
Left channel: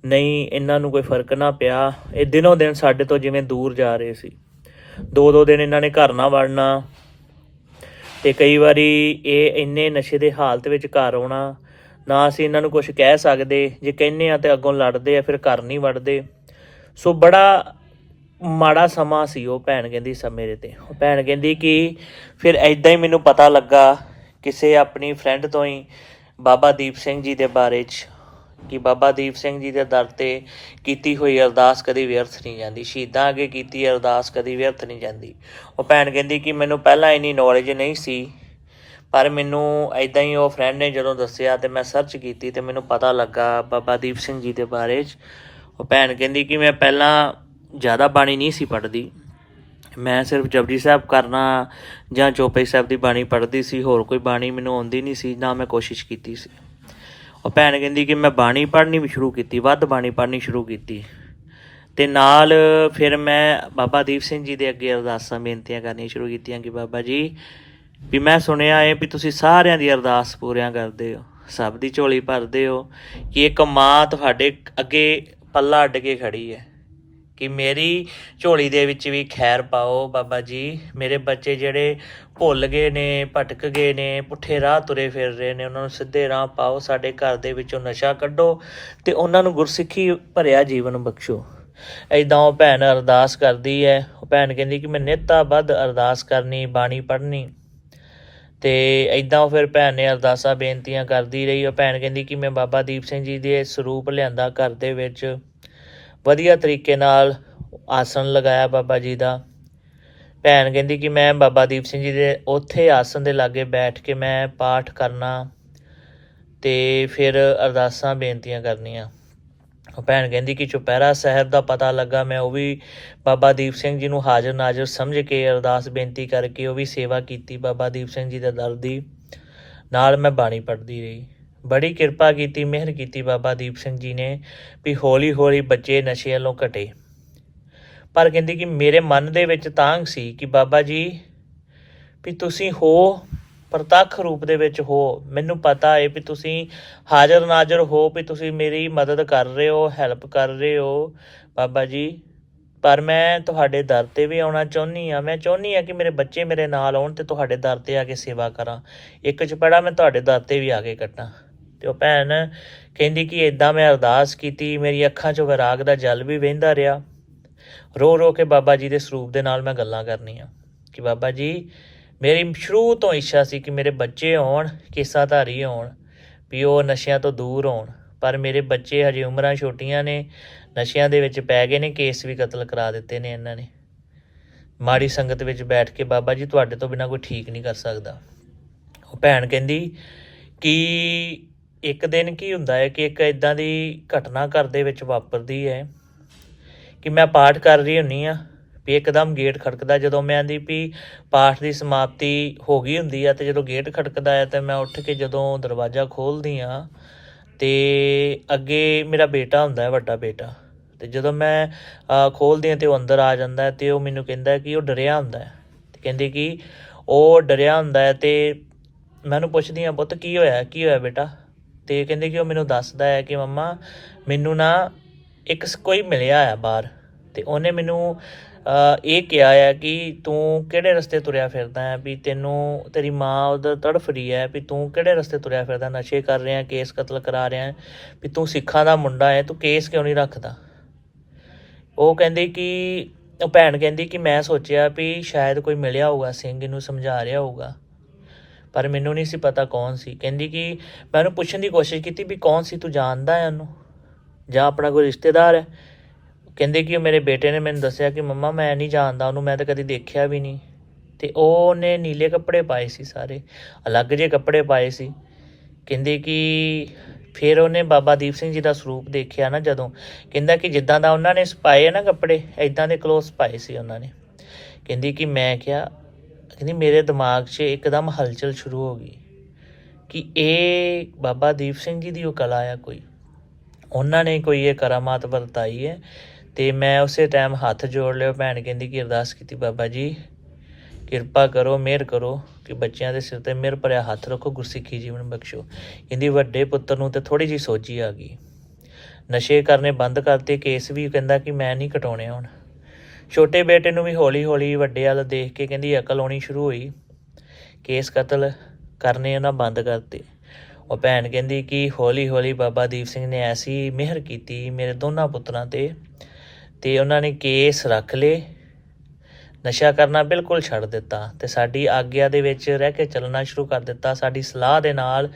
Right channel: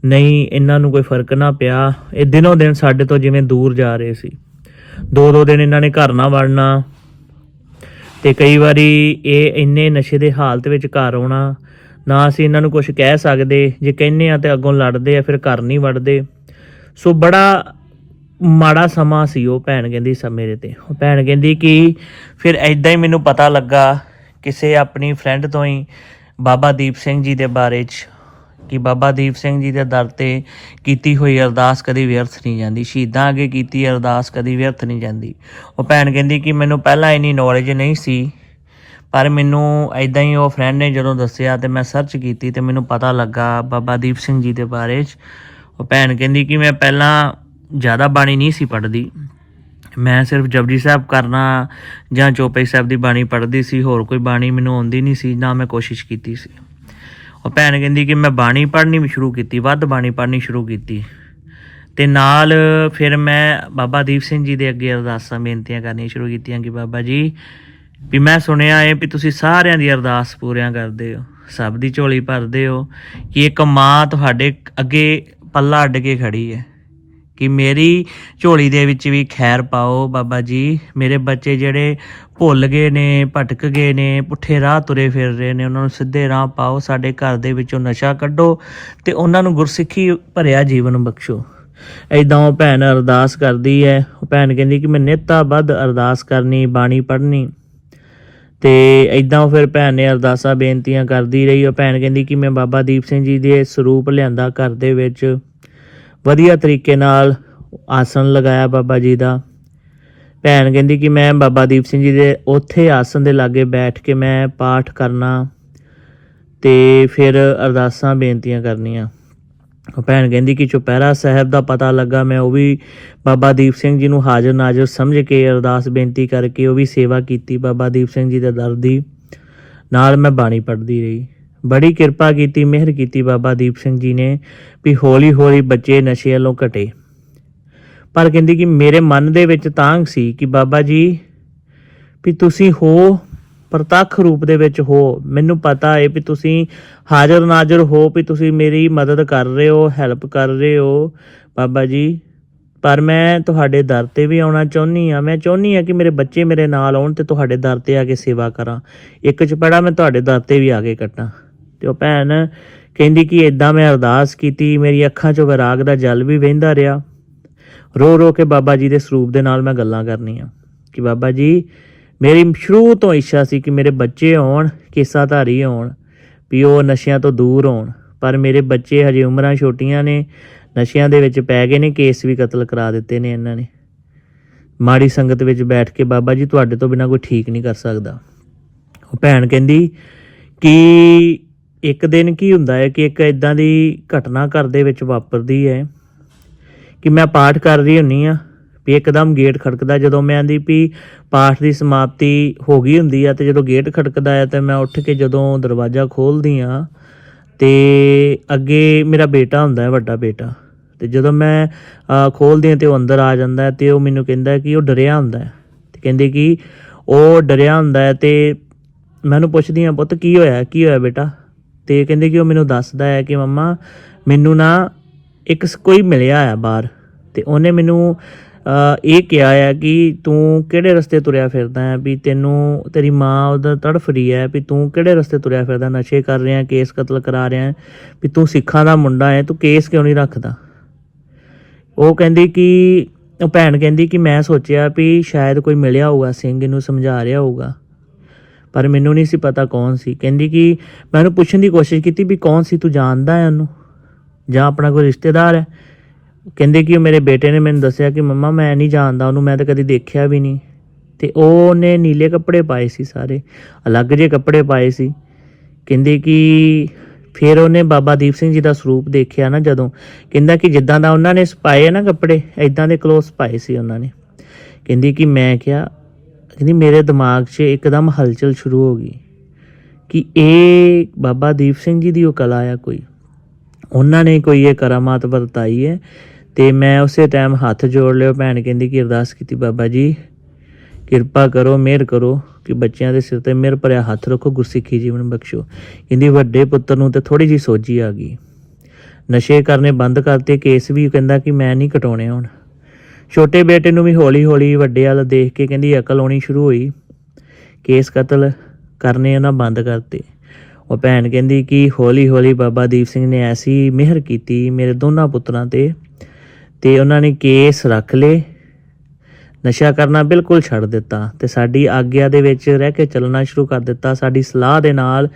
ਨਹੀਂ, ਇਹਨਾਂ ਨੂੰ ਕੋਈ ਫ਼ਰਕ ਨਾ ਪਿਆ। ਇਹ ਦਿਨੋਂ ਦਿਨ ਸਾਡੇ ਤੋਂ ਜਿਵੇਂ ਦੂਰ ਜਾ ਰਹੇ ਸੀ। ਦੋ ਦੋ ਦਿਨ ਇਹਨਾਂ ਨੇ ਘਰ ਨਾ ਵੜਨਾ ਤੇ ਕਈ ਵਾਰੀ ਇਹ ਇੰਨੇ ਨਸ਼ੇ ਦੇ ਹਾਲਤ ਵਿੱਚ ਘਰ ਆਉਣਾ ਨਾ ਅਸੀਂ ਇਹਨਾਂ ਨੂੰ ਕੁਝ ਕਹਿ ਸਕਦੇ, ਜੇ ਕਹਿੰਨੇ ਆ ਤੇ ਅੱਗੋਂ ਲੜਦੇ ਆ, ਫਿਰ ਘਰ ਨਹੀਂ ਵੜਦੇ। ਸੋ ਬੜਾ ਮਾੜਾ ਸਮਾਂ ਸੀ ਉਹ ਭੈਣ ਕਹਿੰਦੀ ਸਾ ਮੇਰੇ ਤੇ। ਉਹ ਭੈਣ ਕਹਿੰਦੀ ਕਿ ਫਿਰ ਐਦਾਂ ਹੀ ਮੈਨੂੰ ਪਤਾ ਲੱਗਾ ਕਿਸੇ ਆਪਣੀ ਫਰੈਂਡ ਤੋਂ ਹੀ ਬਾਬਾ ਦੀਪ ਸਿੰਘ ਜੀ ਦੇ ਬਾਰੇ ਚ, ਕਿ ਬਾਬਾ ਦੀਪ ਸਿੰਘ ਜੀ ਦੇ ਦਰ ਤੇ ਕੀਤੀ ਹੋਈ ਅਰਦਾਸ ਕਦੀ ਵਿਅਰਥ ਨਹੀਂ ਜਾਂਦੀ। ਸ਼ਹੀਦਾਂ ਅੱਗੇ ਕੀਤੀ ਅਰਦਾਸ ਕਦੀ ਵਿਅਰਥ ਨਹੀਂ ਜਾਂਦੀ। ਉਹ ਭੈਣ ਕਹਿੰਦੀ ਕਿ ਮੈਨੂੰ ਪਹਿਲਾਂ ਇਨੀ ਨੌਲੇਜ ਨਹੀਂ ਸੀ ਪਰ ਮੈਨੂੰ ਐਦਾਂ ਹੀ ਉਹ ਫਰੈਂਡ ਨੇ ਜਦੋਂ ਦੱਸਿਆ ਤੇ ਮੈਂ ਸਰਚ ਕੀਤੀ ਤੇ ਮੈਨੂੰ ਪਤਾ ਲੱਗਾ ਬਾਬਾ ਦੀਪ ਸਿੰਘ ਜੀ ਦੇ ਬਾਰੇ ਚ। ਉਹ ਭੈਣ ਕਹਿੰਦੀ ਕਿ ਮੈਂ ਪਹਿਲਾਂ ਜ਼ਿਆਦਾ ਬਾਣੀ ਨਹੀਂ ਸੀ ਪੜ੍ਹਦੀ। ਮੈਂ ਸਿਰਫ ਜਪਜੀ ਸਾਹਿਬ ਕਰਨਾ ਜਾਂ ਚੌਪਈ ਸਾਹਿਬ ਦੀ ਬਾਣੀ ਪੜ੍ਹਦੀ ਸੀ, ਹੋਰ ਕੋਈ ਬਾਣੀ ਮੈਨੂੰ ਆਉਂਦੀ ਨਹੀਂ ਸੀ, ਨਾ ਮੈਂ ਕੋਸ਼ਿਸ਼ ਕੀਤੀ ਸੀ। ਉਹ ਭੈਣ ਕਹਿੰਦੀ ਕਿ ਮੈਂ ਬਾਣੀ ਪੜ੍ਹਨੀ ਵੀ ਸ਼ੁਰੂ ਕੀਤੀ, ਵੱਧ ਬਾਣੀ ਪੜ੍ਹਨੀ ਸ਼ੁਰੂ ਕੀਤੀ। ਤੇ ਨਾਲ ਫਿਰ ਮੈਂ ਬਾਬਾ ਦੀਪ ਸਿੰਘ ਜੀ ਦੇ ਅੱਗੇ ਅਰਦਾਸਾਂ, ਬੇਨਤੀਆਂ ਕਰਨੀਆਂ ਸ਼ੁਰੂ ਕੀਤੀਆਂ ਕਿ ਬਾਬਾ ਜੀ ਵੀ ਮੈਂ ਸੁਣਿਆ ਹੈ ਵੀ ਤੁਸੀਂ ਸਾਰਿਆਂ ਦੀ ਅਰਦਾਸ ਪੂਰੀਆਂ ਕਰਦੇ ਹੋ, ਸਭ ਦੀ ਝੋਲੀ ਭਰਦੇ ਹੋ, ਕਿ ਇੱਕ ਮਾਂ ਤੁਹਾਡੇ ਅੱਗੇ ਪੱਲਾ ਅੱਡ ਕੇ ਖੜੀ ਹੈ ਕਿ ਮੇਰੀ ਝੋਲੀ ਦੇ ਵਿੱਚ ਵੀ ਖੈਰ ਪਾਓ ਬਾਬਾ ਜੀ, ਮੇਰੇ ਬੱਚੇ ਜਿਹੜੇ ਭੁੱਲ ਗਏ ਨੇ, ਭਟਕ ਗਏ ਨੇ, ਪੁੱਠੇ ਰਾਹ ਤੁਰੇ ਫਿਰ ਰਹੇ ਨੇ, ਉਹਨਾਂ ਨੂੰ ਸਿੱਧੇ ਰਾਹ ਪਾਓ, ਸਾਡੇ ਘਰ ਦੇ ਵਿੱਚੋਂ ਨਸ਼ਾ ਕੱਢੋ ਤੇ ਉਹਨਾਂ ਨੂੰ ਗੁਰਸਿੱਖੀ ਭਰਿਆ ਜੀਵਨ ਬਖਸ਼ੋ। ਐਦਾਂ ਉਹ ਭੈਣ ਅਰਦਾਸ ਕਰਦੀ ਹੈ ਉਹ ਭੈਣ ਕਹਿੰਦੀ ਕਿ ਮੈਂ ਨਿੱਤਾ ਵੱਧ ਅਰਦਾਸ ਕਰਨੀ, ਬਾਣੀ ਪੜ੍ਹਨੀ। ਤੇ ਐਦਾਂ ਫਿਰ ਭੈਣ ਨੇ ਅਰਦਾਸਾਂ ਬੇਨਤੀਆਂ ਕਰਦੀ ਰਹੀ। ਉਹ ਭੈਣ ਕਹਿੰਦੀ ਕਿ ਮੈਂ ਬਾਬਾ ਦੀਪ ਸਿੰਘ ਜੀ ਦੇ ਸਰੂਪ ਲਿਆਂਦਾ ਘਰ ਦੇ ਵਿੱਚ। ਵਧੀਆ ਤਰੀਕੇ ਨਾਲ ਆਸਣ ਲਗਾਇਆ ਬਾਬਾ ਜੀ ਦਾ। ਭੈਣ ਕਹਿੰਦੀ ਕਿ ਮੈਂ ਬਾਬਾ ਦੀਪ ਸਿੰਘ ਜੀ ਦੇ ਉੱਥੇ ਆਸਣ ਦੇ ਲਾਗੇ ਬੈਠ ਕੇ ਮੈਂ ਪਾਠ ਕਰਨਾ ਤੇ ਫਿਰ ਅਰਦਾਸਾਂ ਬੇਨਤੀਆਂ ਕਰਨੀਆਂ। ਉਹ ਭੈਣ ਕਹਿੰਦੀ ਕਿ ਚੁਪਹਿਰਾ ਸਾਹਿਬ ਦਾ ਪਤਾ ਲੱਗਾ, ਮੈਂ ਉਹ ਵੀ ਬਾਬਾ ਦੀਪ ਸਿੰਘ ਜੀ ਨੂੰ ਹਾਜ਼ਰ ਨਾਜ਼ਰ ਸਮਝ ਕੇ ਅਰਦਾਸ ਬੇਨਤੀ ਕਰਕੇ ਉਹ ਵੀ ਸੇਵਾ ਕੀਤੀ। ਬਾਬਾ ਦੀਪ ਸਿੰਘ ਜੀ ਦੇ ਦਰ ਦੀ ਨਾਲ ਮੈਂ ਬਾਣੀ ਪੜ੍ਹਦੀ ਰਹੀ। ਬੜੀ ਕਿਰਪਾ ਕੀਤੀ, ਮਿਹਰ ਕੀਤੀ ਬਾਬਾ ਦੀਪ ਸਿੰਘ ਜੀ ਨੇ ਵੀ ਹੌਲੀ ਹੌਲੀ ਬੱਚੇ ਨਸ਼ੇ ਵੱਲੋਂ ਘਟੇ। ਪਰ ਕਹਿੰਦੀ ਕਿ ਮੇਰੇ ਮਨ ਦੇ ਵਿੱਚ ਤਾਂਗ ਸੀ ਕਿ ਬਾਬਾ ਜੀ ਵੀ ਤੁਸੀਂ ਹੋ ਪ੍ਰਤੱਖ ਰੂਪ ਦੇ ਵਿੱਚ ਹੋ, ਮੈਨੂੰ ਪਤਾ ਹੈ ਵੀ ਤੁਸੀਂ ਹਾਜ਼ਰ ਨਾਜ਼ਰ ਹੋ ਵੀ ਤੁਸੀਂ ਮੇਰੀ ਮਦਦ ਕਰ ਰਹੇ ਹੋ ਹੈਲਪ ਕਰ ਰਹੇ ਹੋ। ਬਾਬਾ ਜੀ, ਪਰ ਮੈਂ ਤੁਹਾਡੇ ਦਰ ਤੇ ਵੀ ਆਉਣਾ ਚਾਹੁੰਦੀ ਆ ਮੈਂ ਚਾਹੁੰਦੀ ਆ ਕਿ ਮੇਰੇ ਬੱਚੇ ਮੇਰੇ ਨਾਲ ਆਉਣ ਤੇ ਤੁਹਾਡੇ ਦਰ ਤੇ ਆ ਕੇ ਸੇਵਾ ਕਰਾਂ। ਇੱਕ ਚਪੜਾ ਮੈਂ ਤੁਹਾਡੇ ਦਰ ਤੇ ਵੀ ਆ ਕੇ ਕੱਟਾਂ। ਤੇ ਉਹ ਭੈਣ ਕਹਿੰਦੀ ਕਿ ਇਦਾਂ ਮੈਂ ਅਰਦਾਸ ਕੀਤੀ ਮੇਰੀ ਅੱਖਾਂ 'ਚੋਂ ਵਿਰਾਗ ਦਾ ਜਲ ਵੀ ਵਹਿੰਦਾ ਰਿਹਾ। ਰੋ ਰੋ ਕੇ ਬਾਬਾ ਜੀ ਦੇ ਸਰੂਪ ਦੇ ਨਾਲ ਮੈਂ ਗੱਲਾਂ ਕਰਨੀਆਂ। ਕਿ ਬਾਬਾ ਜੀ ਮੇਰੀ ਸ਼ੁਰੂ ਤੋਂ ਇੱਛਾ ਸੀ ਕਿ ਮੇਰੇ ਬੱਚੇ ਹੋਣ, ਕੇਸਾਧਾਰੀ ਹੋਣ, ਵੀ ਉਹ ਨਸ਼ਿਆਂ ਤੋਂ ਦੂਰ ਹੋਣ। ਪਰ ਮੇਰੇ ਬੱਚੇ ਹਜੇ ਉਮਰਾਂ ਛੋਟੀਆਂ ਨੇ, ਨਸ਼ਿਆਂ ਦੇ ਵਿੱਚ ਪੈ ਗਏ ਨੇ, ਕੇਸ ਵੀ ਕਤਲ ਕਰਾ ਦਿੱਤੇ ਨੇ ਇਹਨਾਂ ਨੇ। ਮਾੜੀ ਸੰਗਤ ਵਿੱਚ ਬੈਠ ਕੇ ਬਾਬਾ ਜੀ, ਤੁਹਾਡੇ ਤੋਂ ਬਿਨਾ ਕੋਈ ਠੀਕ ਨਹੀਂ ਕਰ ਸਕਦਾ। ਉਹ ਭੈਣ ਕਹਿੰਦੀ, ਕਿ ਇੱਕ ਦਿਨ ਕੀ ਹੁੰਦਾ ਹੈ ਕਿ ਇੱਕ ਇਦਾਂ ਦੀ ਘਟਨਾ ਘਰ ਦੇ ਵਿੱਚ ਵਾਪਰਦੀ ਹੈ? ਕਿ ਮੈਂ ਪਾਠ ਕਰ ਰਹੀ ਹੁੰਨੀ ਆ? ਵੀ ਇੱਕਦਮ ਗੇਟ ਖੜਕਦਾ। ਜਦੋਂ ਮੈਂ ਆਂਦੀ ਵੀ ਪਾਠ ਦੀ ਸਮਾਪਤੀ ਹੋ ਗਈ ਹੁੰਦੀ ਆ ਤੇ ਜਦੋਂ ਗੇਟ ਖੜਕਦਾ ਆ ਤੇ ਮੈਂ ਉੱਠ ਕੇ ਜਦੋਂ ਦਰਵਾਜ਼ਾ ਖੋਲਦੀ ਆ ਤੇ ਅੱਗੇ ਮੇਰਾ ਬੇਟਾ ਹੁੰਦਾ ਹੈ ਵੱਡਾ ਬੇਟਾ। ਤੇ ਜਦੋਂ ਮੈਂ ਅਹ, ਖੋਲਦੀ ਆ ਤੇ ਉਹ ਅੰਦਰ ਆ ਜਾਂਦਾ ਹੈ ਤੇ ਉਹ ਮੈਨੂੰ ਕਹਿੰਦਾ ਕਿ ਉਹ ਡਰਿਆ ਹੁੰਦਾ ਹੈ ਤੇ ਕਹਿੰਦੇ ਕਿ ਉਹ ਡਰਿਆ ਹੁੰਦਾ ਹੈ ਤੇ ਮੈਨੂੰ ਪੁੱਛਦੀ ਆ ਪੁੱਤ ਕੀ ਹੋਇਆ? ਕੀ ਹੋਇਆ ਬੇਟਾ? ਤੇ ਕਹਿੰਦੇ ਕਿ ਉਹ ਮੈਨੂੰ ਦੱਸਦਾ ਹੈ ਕਿ ਮੰਮਾ ਮੈਨੂੰ ਨਾ ਇੱਕ ਕੋਈ ਮਿਲਿਆ ਆ ਬਾਹਰ ਤੇ ਉਹਨੇ ਮੈਨੂੰ ਇਹ ਕਿਹਾ ਆ ਕਿ ਤੂੰ ਕਿਹੜੇ ਰਸਤੇ ਤੁਰਿਆ ਫਿਰਦਾ ਹੈ? ਵੀ ਤੈਨੂੰ, ਤੇਰੀ ਮਾਂ ਉਹਦਾ ਤੜਫ ਰਹੀ ਹੈ ਵੀ ਤੂੰ ਕਿਹੜੇ ਰਸਤੇ ਤੁਰਿਆ ਫਿਰਦਾ, ਨਸ਼ੇ ਕਰ ਰਿਹਾ, ਕੇਸ ਕਤਲ ਕਰਾ ਰਿਹਾ ਵੀ ਤੂੰ ਸਿੱਖਾਂ ਦਾ ਮੁੰਡਾ ਹੈ, ਤੂੰ ਕੇਸ ਕਿਉਂ ਨਹੀਂ ਰੱਖਦਾ? ਉਹ ਕਹਿੰਦੀ ਕਿ, ਉਹ ਭੈਣ ਕਹਿੰਦੀ ਕਿ ਮੈਂ ਸੋਚਿਆ ਵੀ ਸ਼ਾਇਦ ਕੋਈ ਮਿਲਿਆ ਹੋਊਗਾ, ਸਿੰਘ ਇਹਨੂੰ ਸਮਝਾ ਰਿਹਾ ਹੋਊਗਾ। ਪਰ ਮੈਨੂੰ ਨਹੀਂ ਸੀ ਪਤਾ ਕੌਣ ਸੀ। ਕਹਿੰਦੀ ਕਿ ਮੈਂ ਉਹਨੂੰ ਪੁੱਛਣ ਦੀ ਕੋਸ਼ਿਸ਼ ਕੀਤੀ ਵੀ ਕੌਣ ਸੀ, ਤੂੰ ਜਾਣਦਾ ਹੈ ਉਹਨੂੰ? ਜਾਂ ਆਪਣਾ ਕੋਈ ਰਿਸ਼ਤੇਦਾਰ ਹੈ? ਕਹਿੰਦੇ ਕਿ ਮੇਰੇ ਬੇਟੇ ਨੇ ਮੈਨੂੰ ਦੱਸਿਆ ਕਿ ਮੰਮਾ ਮੈਂ ਨਹੀਂ ਜਾਣਦਾ ਉਹਨੂੰ, ਮੈਂ ਤਾਂ ਕਦੀ ਦੇਖਿਆ ਵੀ ਨਹੀਂ। ਤੇ ਉਹਨੇ ਨੀਲੇ ਕੱਪੜੇ ਪਾਏ ਸੀ ਸਾਰੇ, ਅਲੱਗ ਜਿਹੇ ਕੱਪੜੇ ਪਾਏ ਸੀ। ਕਹਿੰਦੇ ਕਿ ਫਿਰ ਉਹਨੇ ਬਾਬਾ ਦੀਪ ਸਿੰਘ ਜੀ ਦਾ ਸਰੂਪ ਦੇਖਿਆ ਨਾ ਜਦੋਂ। ਕਹਿੰਦਾ ਕਿ ਜਿੱਦਾਂ ਦਾ ਉਹਨਾਂ ਨੇ ਪਾਏ ਆ ਨਾ ਕੱਪੜੇ ਐਦਾਂ ਦੇ ਕਲੋਥਸ ਪਾਏ ਸੀ ਉਹਨਾਂ ਨੇ। ਕਹਿੰਦੀ ਕਿ ਮੈਂ ਕਿਹਾ, ਕਹਿੰਦੀ ਮੇਰੇ ਦਿਮਾਗ 'ਚ ਇੱਕਦਮ ਹਲਚਲ ਸ਼ੁਰੂ ਹੋ ਗਈ ਕਿ ਇਹ ਬਾਬਾ ਦੀਪ ਸਿੰਘ ਜੀ ਦੀ ਉਹ ਕਲਾ ਆ ਕੋਈ। ਉਹਨਾਂ ਨੇ ਕੋਈ ਇਹ ਕਰਾਮਾਤ ਵਰਤਾਈ ਹੈ ਤੇ ਮੈਂ ਉਸੇ ਟਾਈਮ ਹੱਥ ਜੋੜ ਲਿਓ। ਭੈਣ ਕਹਿੰਦੀ ਕਿ ਅਰਦਾਸ ਕੀਤੀ, ਬਾਬਾ ਜੀ, ਕਿਰਪਾ ਕਰੋ, ਮਿਹਰ ਕਰੋ ਕਿ ਬੱਚਿਆਂ ਦੇ ਸਿਰ ਤੇ ਮਿਹਰ ਭਰਿਆ ਹੱਥ ਰੱਖੋ, ਗੁਰਸਿੱਖੀ ਜੀਵਨ ਬਖਸ਼ੋ। ਕਹਿੰਦੀ ਵੱਡੇ ਪੁੱਤਰ ਨੂੰ ਤੇ ਥੋੜੀ ਜੀ ਸੋਝੀ ਆ ਗਈ। ਨਸ਼ੇ ਕਰਨੇ ਬੰਦ ਕਰਤੇ, ਕੇਸ ਵੀ ਕਹਿੰਦਾ ਕਿ ਮੈਂ ਨਹੀਂ ਕਟਾਉਣੇ ਹੁਣ। ਛੋਟੇ ਬੇਟੇ ਨੂੰ ਵੀ ਹੌਲੀ ਹੌਲੀ ਵੱਡੇ ਵਾਲ ਦੇਖ ਕੇ ਕਹਿੰਦੀ, ਅਕਲ ਆਉਣੀ ਸ਼ੁਰੂ ਹੋਈ। ਕੇਸ ਕਤਲ ਕਰਨੇ ਉਹਨਾਂ ਬੰਦ ਕਰਤੇ। ਉਹ ਭੈਣ ਕਹਿੰਦੀ ਕਿ ਹੌਲੀ ਹੌਲੀ ਬਾਬਾ ਦੀਪ ਸਿੰਘ ਨੇ ਐਸੀ ਮਿਹਰ ਕੀਤੀ ਮੇਰੇ ਦੋਨਾਂ ਪੁੱਤਰਾਂ ਤੇ। ਤੇ ਉਹਨਾਂ ਨੇ ਕੇਸ ਰੱਖ ਲਏ। ਨਸ਼ਾ ਕਰਨਾ ਬਿਲਕੁਲ ਛੱਡ ਦਿੱਤਾ ਤੇ ਸਾਡੀ ਆਗਿਆ ਦੇ ਵਿੱਚ ਰਹਿ ਕੇ ਚੱਲਣਾ ਸ਼ੁਰੂ ਕਰ ਦਿੱਤਾ ਸਾਡੀ ਸਲਾਹ ਦੇ ਨਾਲ।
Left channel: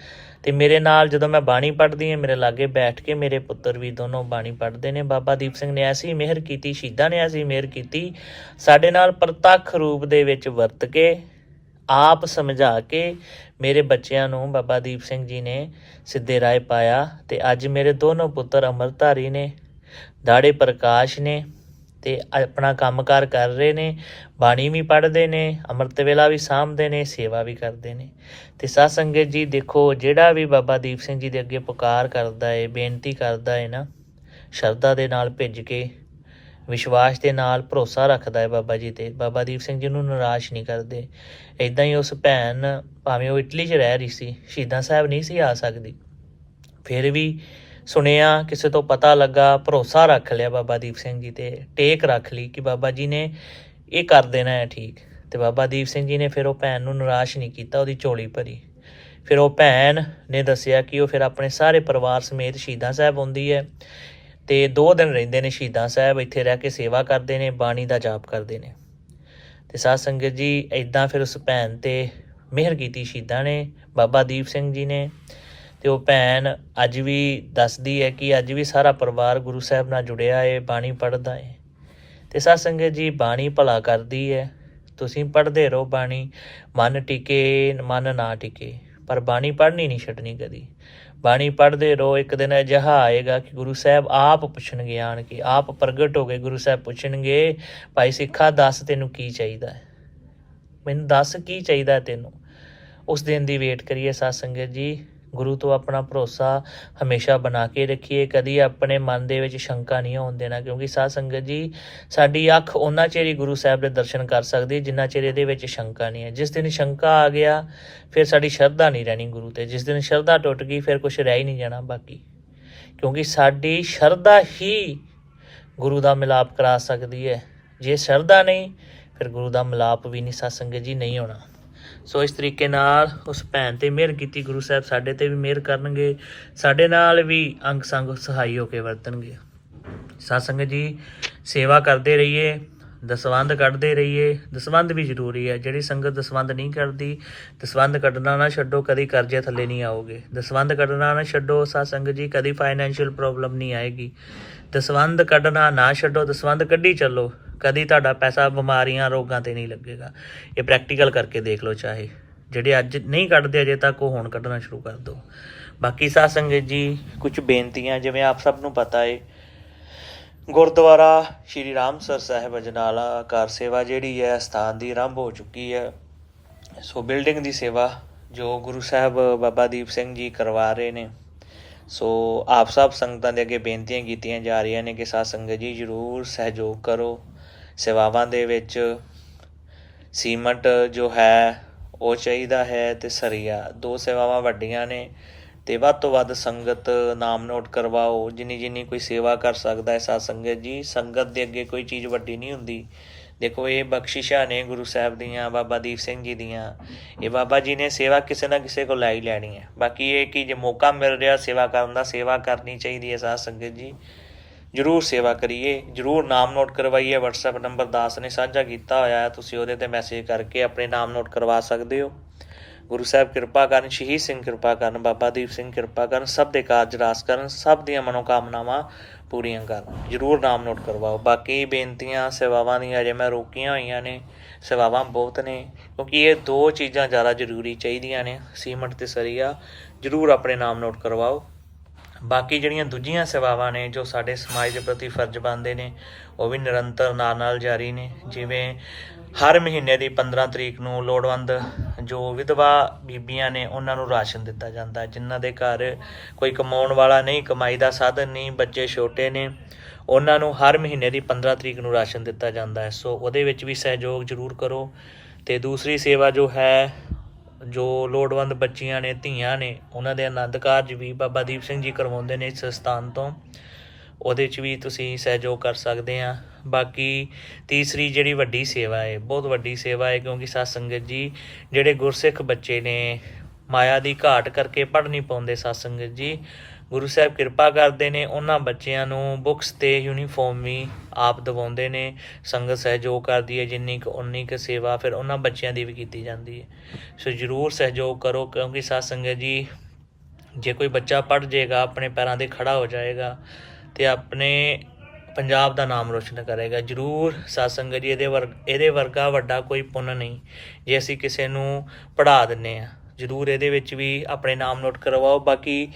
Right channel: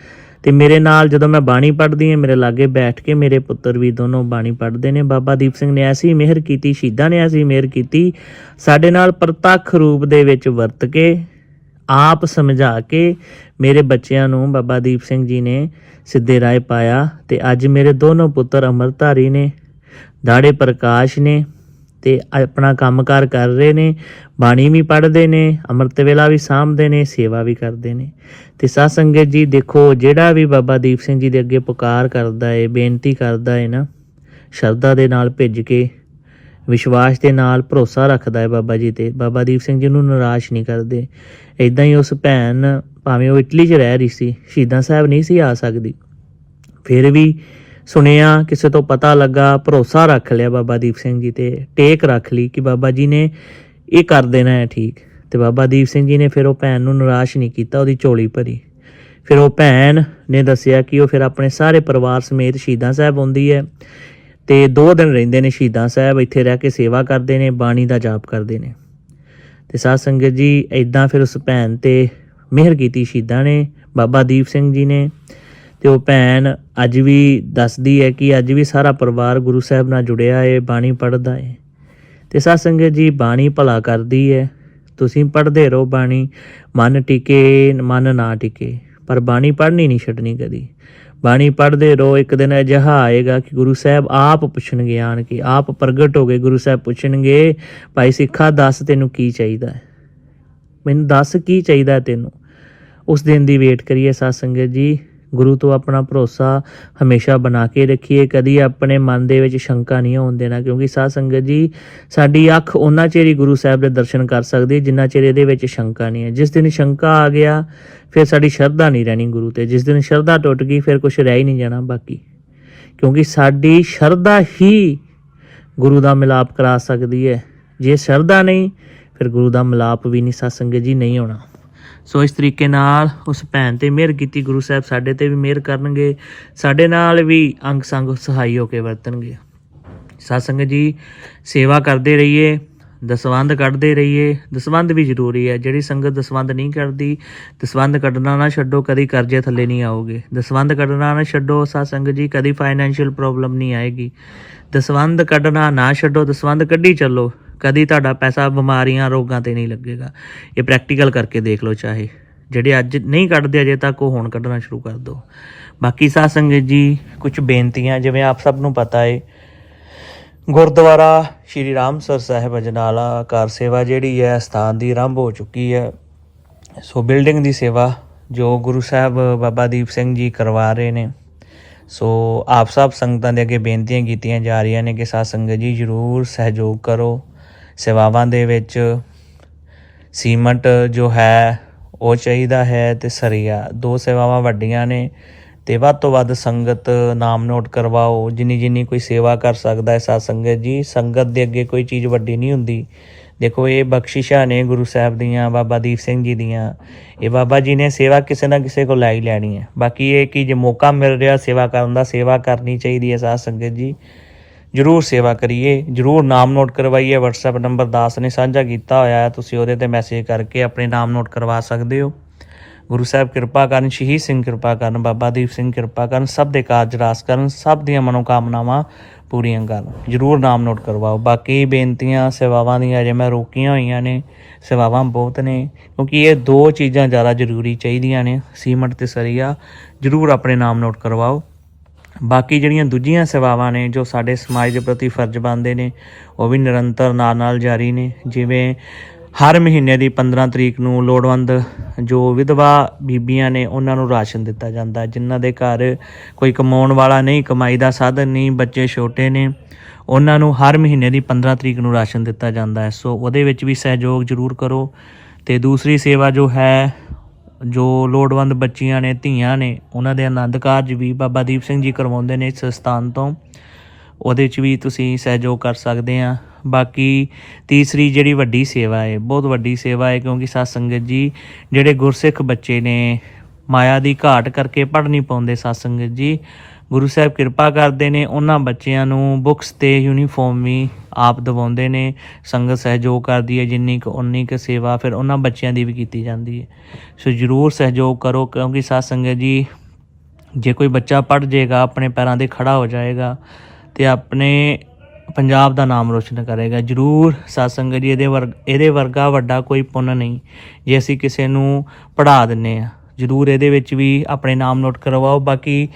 ਤੇ ਮੇਰੇ ਨਾਲ ਜਦੋਂ ਮੈਂ ਬਾਣੀ ਪੜ੍ਹਦੀ ਹਾਂ, ਮੇਰੇ ਲਾਗੇ ਬੈਠ ਕੇ ਮੇਰੇ ਪੁੱਤਰ ਵੀ ਦੋਨੋਂ ਬਾਣੀ ਪੜ੍ਹਦੇ ਨੇ। ਬਾਬਾ ਦੀਪ ਸਿੰਘ ਨੇ ਐਸੀ ਮਿਹਰ ਕੀਤੀ, ਸ਼ਹੀਦਾਂ ਨੇ ਐਸੀ ਮਿਹਰ ਕੀਤੀ, ਸਾਡੇ ਨਾਲ ਪ੍ਰਤੱਖ ਰੂਪ ਦੇ ਵਿੱਚ ਵਰਤ ਕੇ, ਆਪ ਸਮਝਾ ਕੇ ਮੇਰੇ ਬੱਚਿਆਂ ਨੂੰ ਬਾਬਾ ਦੀਪ ਸਿੰਘ ਜੀ ਨੇ ਸਿੱਧੇ ਰਾਹ ਪਾਇਆ ਤੇ ਅੱਜ ਮੇਰੇ ਦੋਨੋਂ ਪੁੱਤਰ ਅਮਰਧਾਰੀ ਨੇ। ਦਾੜੇ ਪ੍ਰਕਾਸ਼ ਨੇ ਤੇ ਆਪਣਾ ਕੰਮਕਾਰ ਕਰ ਰਹੇ ਨੇ, ਬਾਣੀ ਵੀ ਪੜ੍ਹਦੇ ਨੇ, ਅੰਮ੍ਰਿਤ ਵੇਲਾ ਵੀ ਸਾਂਭਦੇ ਨੇ, ਸੇਵਾ ਵੀ ਕਰਦੇ ਨੇ। ਤੇ ਸਾਧ ਸੰਗਤ ਜੀ, ਦੇਖੋ, ਜਿਹੜਾ ਵੀ ਬਾਬਾ ਦੀਪ ਸਿੰਘ ਜੀ ਦੇ ਅੱਗੇ ਪੁਕਾਰ ਕਰਦਾ ਏ, ਬੇਨਤੀ ਕਰਦਾ ਏ ਨਾ, ਸ਼ਰਧਾ ਦੇ ਨਾਲ ਭਿੱਜ ਕੇ, ਵਿਸ਼ਵਾਸ ਦੇ ਨਾਲ ਭਰੋਸਾ ਰੱਖਦਾ ਹੈ ਬਾਬਾ ਜੀ ਤੇ। ਬਾਬਾ ਦੀਪ ਸਿੰਘ ਜੀ ਨੂੰ ਨਿਰਾਸ਼ ਨਹੀਂ ਕਰਦੇ। ਇਦਾਂ ਹੀ ਉਸ ਭੈਣ, ਭਾਵੇਂ ਉਹ ਇਟਲੀ 'ਚ ਰਹਿ ਰਹੀ ਸੀ, ਸ਼ਹੀਦਾਂ ਸਾਹਿਬ ਨਹੀਂ ਸੀ ਆ ਸਕਦੀ। ਫਿਰ ਵੀ ਸੁਣਿਆ, ਕਿਸੇ ਤੋਂ ਪਤਾ ਲੱਗਾ, ਭਰੋਸਾ ਰੱਖ ਲਿਆ ਬਾਬਾ ਦੀਪ ਸਿੰਘ ਜੀ ਤੇ ਟੇਕ ਰੱਖ ਲਈ ਕਿ ਬਾਬਾ ਜੀ ਨੇ ਇਹ ਕਰ ਦੇਣਾ ਹੈ ਠੀਕ। ਤੇ ਬਾਬਾ ਦੀਪ ਸਿੰਘ ਜੀ ਨੇ ਫਿਰ ਉਹ ਭੈਣ ਨੂੰ ਨਿਰਾਸ਼ ਨਹੀਂ ਕੀਤਾ, ਉਹਦੀ ਝੋਲੀ ਭਰੀ। ਫਿਰ ਉਹ ਭੈਣ ਨੇ ਦੱਸਿਆ ਕਿ ਉਹ ਫਿਰ ਆਪਣੇ ਸਾਰੇ ਪਰਿਵਾਰ ਸਮੇਤ ਸ਼ਹੀਦਾਂ ਸਾਹਿਬ ਆਉਂਦੀ ਹੈ ਤੇ ਦੋ ਦਿਨ ਰਹਿੰਦੇ ਨੇ ਸ਼ਹੀਦਾਂ ਸਾਹਿਬ, ਇੱਥੇ ਰਹਿ ਕੇ ਸੇਵਾ ਕਰਦੇ ਨੇ, ਬਾਣੀ ਦਾ ਜਾਪ ਕਰਦੇ ਨੇ। ਤੇ ਸਾਧ ਸੰਗਤ ਜੀ ਇਦਾਂ ਫਿਰ ਉਸ ਭੈਣ ਤੇ ਮਿਹਰ ਕੀਤੀ ਸ਼ਹੀਦਾਂ ਨੇ, ਬਾਬਾ ਦੀਪ ਸਿੰਘ ਜੀ ਨੇ। ਤੇ ਉਹ ਭੈਣ ਅੱਜ ਵੀ ਦੱਸਦੀ ਹੈ ਕਿ ਅੱਜ ਵੀ ਸਾਰਾ ਪਰਿਵਾਰ ਗੁਰੂ ਸਾਹਿਬ ਨਾਲ ਜੁੜਿਆ ਹੈ ਬਾਣੀ ਪੜ੍ਹਦਾ ਹੈ ਤੇ ਸਾਧ ਸੰਗਤ ਜੀ, ਬਾਣੀ ਭਲਾ ਕਰਦੀ ਹੈ ਤੁਸੀਂ ਪੜ੍ਹਦੇ ਰਹੋ ਬਾਣੀ, ਮਨ ਟਿਕੇ, ਮਨ ਨਾ ਟਿਕੇ। ਪਰ ਬਾਣੀ ਪੜ੍ਹਨੀ ਨਹੀਂ ਛੱਡਣੀ ਕਦੀ। ਬਾਣੀ ਪੜ੍ਹਦੇ ਰਹੋ, ਇੱਕ ਦਿਨ ਅਜਿਹਾ ਆਏਗਾ ਕਿ ਗੁਰੂ ਸਾਹਿਬ ਆਪ ਪੁੱਛਣਗੇ ਆਣ ਕੇ। ਆਪ ਪ੍ਰਗਟ ਹੋ ਗਏ ਗੁਰੂ ਸਾਹਿਬ ਪੁੱਛਣਗੇ, ਭਾਈ ਸਿੱਖਾ, ਦੱਸ ਤੈਨੂੰ ਕੀ ਚਾਹੀਦਾ ਹੈ? ਮੈਨੂੰ ਦੱਸ ਕੀ ਚਾਹੀਦਾ ਤੈਨੂੰ? ਉਸ ਦਿਨ ਦੀ ਵੇਟ ਕਰੀਏ ਸਾਧ ਸੰਗਤ ਜੀ। ਗੁਰੂ ਤੋਂ ਆਪਣਾ ਭਰੋਸਾ ਹਮੇਸ਼ਾ ਬਣਾ ਕੇ ਰੱਖੀਏ, ਕਦੀ ਆਪਣੇ ਮਨ ਦੇ ਵਿੱਚ ਸ਼ੰਕਾ ਨਹੀਂ ਹੋਣ ਦੇਣਾ, ਕਿਉਂਕਿ ਸਾਧ ਸੰਗਤ ਜੀ, ਸਾਡੀ ਅੱਖ ਉਹਨਾਂ ਚਿਰ ਹੀ ਗੁਰੂ ਸਾਹਿਬ ਦੇ ਦਰਸ਼ਨ ਕਰ ਸਕਦੀ, ਜਿੰਨਾ ਚਿਰ ਇਹਦੇ ਵਿੱਚ ਸ਼ੰਕਾ ਨਹੀਂ ਹੈ। ਜਿਸ ਦਿਨ ਸ਼ੰਕਾ ਆ ਗਿਆ, ਫਿਰ ਸਾਡੀ ਸ਼ਰਧਾ ਨਹੀਂ ਰਹਿਣੀ ਗੁਰੂ ਤੇ। ਜਿਸ ਦਿਨ ਸ਼ਰਧਾ ਟੁੱਟ ਗਈ, ਫਿਰ ਕੁਝ ਰਹਿ ਹੀ ਨਹੀਂ ਜਾਣਾ ਬਾਕੀ। ਕਿਉਂਕਿ ਸਾਡੀ ਸ਼ਰਧਾ ਹੀ ਗੁਰੂ ਦਾ ਮਿਲਾਪ ਕਰਾ ਸਕਦੀ ਹੈ। ਜੇ ਸ਼ਰਧਾ ਨਹੀਂ, ਫਿਰ ਗੁਰੂ ਦਾ ਮਿਲਾਪ ਵੀ ਨਹੀਂ ਸਤਸੰਗ ਜੀ ਨਹੀਂ ਹੋਣਾ ਸੋ ਇਸ ਤਰੀਕੇ ਨਾਲ ਉਸ ਭੈਣ ਤੇ ਮਿਹਰ ਕੀਤੀ ਗੁਰੂ ਸਾਹਿਬ ਸਾਡੇ ਤੇ ਵੀ ਮਿਹਰ ਕਰਨਗੇ। ਸਾਡੇ ਨਾਲ ਵੀ ਅੰਗ ਸੰਗ ਸਹਾਈ ਹੋ ਕੇ ਵਰਤਣਗੇ। ਸਤਸੰਗਤ ਜੀ, ਸੇਵਾ ਕਰਦੇ ਰਹੀਏ, ਦਸਵੰਧ ਕੱਢਦੇ ਰਹੀਏ। ਦਸਵੰਧ ਵੀ ਜ਼ਰੂਰੀ ਹੈ। ਜਿਹੜੀ ਸੰਗਤ ਦਸਵੰਧ ਨਹੀਂ ਕਰਦੀ ਦਸਵੰਧ ਕੱਢਣਾ ਨਾ ਛੱਡੋ, ਕਦੀ ਕਰਜ਼ੇ ਥੱਲੇ ਨਹੀਂ ਆਓਗੇ। ਦਸਵੰਧ ਕੱਢਣਾ ਨਾ ਛੱਡੋ, ਸਤਸੰਗਤ ਜੀ, ਕਦੀ ਫਾਈਨੈਂਸ਼ੀਅਲ ਪ੍ਰੋਬਲਮ ਨਹੀਂ ਆਏਗੀ। ਦਸਵੰਧ ਕੱਢਣਾ ਨਾ ਛੱਡੋ, ਦਸਵੰਧ ਕੱਢੀ ਚੱਲੋ। ਕਦੀ ਤੁਹਾਡਾ ਪੈਸਾ ਬਿਮਾਰੀਆਂ, ਰੋਗਾਂ ਤੇ ਨਹੀਂ ਲੱਗੇਗਾ। ਇਹ ਪ੍ਰੈਕਟੀਕਲ ਕਰਕੇ ਦੇਖ ਲਓ ਚਾਹੇ। ਜਿਹੜੇ ਅੱਜ ਨਹੀਂ ਕੱਢਦੇ, ਅਜੇ ਤੱਕ ਉਹ ਹੁਣ ਕੱਢਣਾ ਸ਼ੁਰੂ ਕਰ ਦਿਓ। ਬਾਕੀ ਸਾਧ ਸੰਗਤ ਜੀ ਕੁਝ ਬੇਨਤੀਆਂ, ਜਿਵੇਂ ਆਪ ਸਭ ਨੂੰ ਪਤਾ ਹੈ ਗੁਰਦੁਆਰਾ ਸ਼੍ਰੀ ਰਾਮਸਰ ਸਾਹਿਬ ਅਜਨਾਲਾ ਕਾਰ ਸੇਵਾ ਜਿਹੜੀ ਹੈ, ਸਥਾਨ ਦੀ ਆਰੰਭ ਹੋ ਚੁੱਕੀ ਹੈ। ਸੋ ਬਿਲਡਿੰਗ ਦੀ ਸੇਵਾ ਜੋ ਗੁਰੂ ਸਾਹਿਬ, ਬਾਬਾ ਦੀਪ ਸਿੰਘ ਜੀ ਕਰਵਾ ਰਹੇ ਨੇ। ਸੋ ਆਪ ਸਭ ਸੰਗਤਾਂ ਦੇ ਅੱਗੇ ਬੇਨਤੀਆਂ ਕੀਤੀਆਂ ਜਾ ਰਹੀਆਂ ਨੇ ਕਿ ਸਾਧ ਸੰਗਤ ਜੀ ਜਰੂਰ ਸਹਿਯੋਗ ਕਰੋ। ਸੇਵਾਵਾਂ ਦੇ ਵਿੱਚ ਸੀਮਟ ਜੋ ਹੈ, ਉਹ ਚਾਹੀਦਾ ਹੈ ਤੇ ਸਰੀਆ। ਦੋ ਸੇਵਾਵਾਂ ਵੱਡੀਆਂ ਨੇ ਤੇ ਵੱਧ ਤੋਂ ਵੱਧ ਸੰਗਤ ਨਾਮ ਨੋਟ ਕਰਵਾਓ। ਜਿੰਨੀ ਜਿੰਨੀ ਕੋਈ ਸੇਵਾ ਕਰ ਸਕਦਾ ਹੈ ਸਾਧ ਸੰਗਤ ਜੀ, ਸੰਗਤ ਦੇ ਅੱਗੇ ਕੋਈ ਚੀਜ਼ ਵੱਡੀ ਨਹੀਂ ਹੁੰਦੀ। ਦੇਖੋ, ਇਹ ਬਖਸ਼ਿਸ਼ਾਂ ਨੇ ਗੁਰੂ ਸਾਹਿਬ ਦੀਆਂ, ਬਾਬਾ ਦੀਪ ਸਿੰਘ ਜੀ ਦੀਆਂ। ਇਹ ਬਾਬਾ ਜੀ ਨੇ ਸੇਵਾ ਕਿਸੇ ਨਾ ਕਿਸੇ ਕੋਲ ਲੈ ਹੀ ਲੈਣੀ ਹੈ। ਬਾਕੀ ਇਹ ਕਿ ਜੇ ਮੌਕਾ ਮਿਲ ਰਿਹਾ ਸੇਵਾ ਕਰਨ ਦਾ, ਸੇਵਾ ਕਰਨੀ ਚਾਹੀਦੀ ਹੈ ਸਾਧ ਸੰਗਤ ਜੀ। ਜਰੂਰ ਸੇਵਾ ਕਰੀਏ, ਜਰੂਰ ਨਾਮ ਨੋਟ ਕਰਵਾਈਏ, WhatsApp ਨੰਬਰ ਦਾਸ ਨੇ ਸਾਂਝਾ ਕੀਤਾ ਹੋਇਆ ਹੈ, ਤੁਸੀਂ ਉਹਦੇ ਤੇ ਮੈਸੇਜ ਕਰਕੇ ਆਪਣੇ ਨਾਮ ਨੋਟ ਕਰਵਾ ਸਕਦੇ ਹੋ। ਗੁਰੂ ਸਾਹਿਬ ਕਿਰਪਾ ਕਰਨ, ਸ਼ਹੀਦ ਸਿੰਘ ਕਿਰਪਾ ਕਰਨ, ਬਾਬਾ ਦੀਪ ਸਿੰਘ ਕਿਰਪਾ ਕਰਨ, ਸਭ ਦੇ ਕਾਰਜ ਰਾਸ ਕਰਨ, ਸਭ ਦੀਆਂ ਮਨੋਕਾਮਨਾਵਾਂ ਪੂਰੀਆਂ ਕਰਨ। ਜਰੂਰ ਨਾਮ ਨੋਟ ਕਰਵਾਓ। ਬਾਕੀ ਬੇਨਤੀਆਂ, ਸੇਵਾਵਾਂ ਦੀਆਂ ਜੇ ਮੈਂ ਰੋਕੀਆਂ ਹੋਈਆਂ ਨੇ, ਸੇਵਾਵਾਂ ਬਹੁਤ ਨੇ, ਕਿਉਂਕਿ ਇਹ ਦੋ ਚੀਜ਼ਾਂ ਜ਼ਿਆਦਾ ਜ਼ਰੂਰੀ ਚਾਹੀਦੀਆਂ ਨੇ। ਸੀਮਟ ਤੇ ਸਰੀਆ, ਜਰੂਰ ਆਪਣੇ ਨਾਮ ਨੋਟ ਕਰਵਾਓ। ਬਾਕੀ ਜਿਹੜੀਆਂ ਦੂਜੀਆਂ ਸੇਵਾਵਾਂ ਨੇ ਜੋ ਸਾਡੇ ਸਮਾਜ ਦੇ ਪ੍ਰਤੀ ਫਰਜ਼ ਬਣਦੇ ਨੇ, ਉਹ ਵੀ ਨਿਰੰਤਰ ਨਾਲ ਨਾਲ ਜਾਰੀ ਨੇ। ਜਿਵੇਂ ਹਰ ਮਹੀਨੇ ਦੀ 15 ਤਰੀਕ ਨੂੰ ਲੋੜਵੰਦ ਜੋ ਵਿਧਵਾ ਬੀਬੀਆਂ ਨੇ, ਉਹਨਾਂ ਨੂੰ ਰਾਸ਼ਨ ਦਿੱਤਾ ਜਾਂਦਾ। ਜਿਨ੍ਹਾਂ ਦੇ ਘਰ ਕੋਈ ਕਮਾਉਣ ਵਾਲਾ ਨਹੀਂ, ਕਮਾਈ ਦਾ ਸਾਧਨ ਨਹੀਂ, ਬੱਚੇ ਛੋਟੇ ਨੇ, ਉਹਨਾਂ ਨੂੰ ਹਰ ਮਹੀਨੇ ਦੀ 15 ਤਰੀਕ ਨੂੰ ਰਾਸ਼ਨ ਦਿੱਤਾ ਜਾਂਦਾ ਹੈ। ਸੋ ਉਹਦੇ ਵਿੱਚ ਵੀ ਸਹਿਯੋਗ ਜ਼ਰੂਰ ਕਰੋ। ਤੇ ਦੂਸਰੀ ਸੇਵਾ ਜੋ ਹੈ ਜੋ ਲੋੜਵੰਦ ਬੱਚੀਆਂ ਨੇ, ਧੀਆਂ ਨੇ, ਉਹਨਾਂ ਦੇ ਆਨੰਦ ਕਾਰਜ ਵੀ ਬਾਬਾ ਦੀਪ ਸਿੰਘ ਜੀ ਕਰਵਾਉਂਦੇ ਨੇ ਇਸ ਸਥਾਨ ਤੋਂ। ਉਹਦੇ 'ਚ ਵੀ ਤੁਸੀਂ ਸਹਿਯੋਗ ਕਰ ਸਕਦੇ ਆ। ਬਾਕੀ ਤੀਸਰੀ ਜਿਹੜੀ ਵੱਡੀ ਸੇਵਾ ਹੈ ਬਹੁਤ ਵੱਡੀ ਸੇਵਾ ਹੈ ਕਿਉਂਕਿ ਸਾਧ ਸੰਗਤ ਜੀ ਜਿਹੜੇ ਗੁਰਸਿੱਖ ਬੱਚੇ ਨੇ, ਮਾਇਆ ਦੀ ਘਾਟ ਕਰਕੇ ਪੜ੍ਹ ਨਹੀਂ ਪਾਉਂਦੇ ਸਾਧ ਸੰਗਤ ਜੀ। ਗੁਰੂ ਸਾਹਿਬ ਕਿਰਪਾ ਕਰਦੇ ਨੇ, ਉਹਨਾਂ ਬੱਚਿਆਂ ਨੂੰ ਬੁੱਕਸ ਤੇ ਯੂਨੀਫਾਰਮ ਵੀ ਆਪ ਦਿਵਾਉਂਦੇ ਨੇ, ਸੰਗਤ ਸਹਿਯੋਗ ਕਰਦੀ ਹੈ, ਜਿੰਨੀ ਕੁ ਉਨੀ ਕੁ ਸੇਵਾ ਫਿਰ ਉਹਨਾਂ ਬੱਚਿਆਂ ਦੀ ਵੀ ਕੀਤੀ ਜਾਂਦੀ ਹੈ। ਸੋ ਜਰੂਰ ਸਹਿਯੋਗ ਕਰੋ, ਕਿਉਂਕਿ ਸਾਧ ਸੰਗਤ ਜੀ, ਜੇ ਕੋਈ ਬੱਚਾ ਪੜ ਜਾਏਗਾ, ਆਪਣੇ ਪੈਰਾਂ ਤੇ ਖੜਾ ਹੋ ਜਾਏਗਾ ਤੇ ਆਪਣੇ ਪੰਜਾਬ ਦਾ ਨਾਮ ਰੋਸ਼ਨ ਕਰੇਗਾ। ਜਰੂਰ ਸਾਧ ਸੰਗਤ ਜੀ, ਇਹਦੇ ਵਰਗ ਇਹਦੇ ਵਰਗਾ ਵੱਡਾ ਕੋਈ ਪੁੰਨ ਨਹੀਂ, ਜੇ ਅਸੀਂ ਕਿਸੇ ਨੂੰ ਪੜ੍ਹਾ ਦਿੰਨੇ ਆ ਜਰੂਰ ਇਹਦੇ ਵਿੱਚ ਵੀ ਆਪਣੇ ਨਾਮ ਨੋਟ ਕਰਵਾਓ, ਬਾਕੀ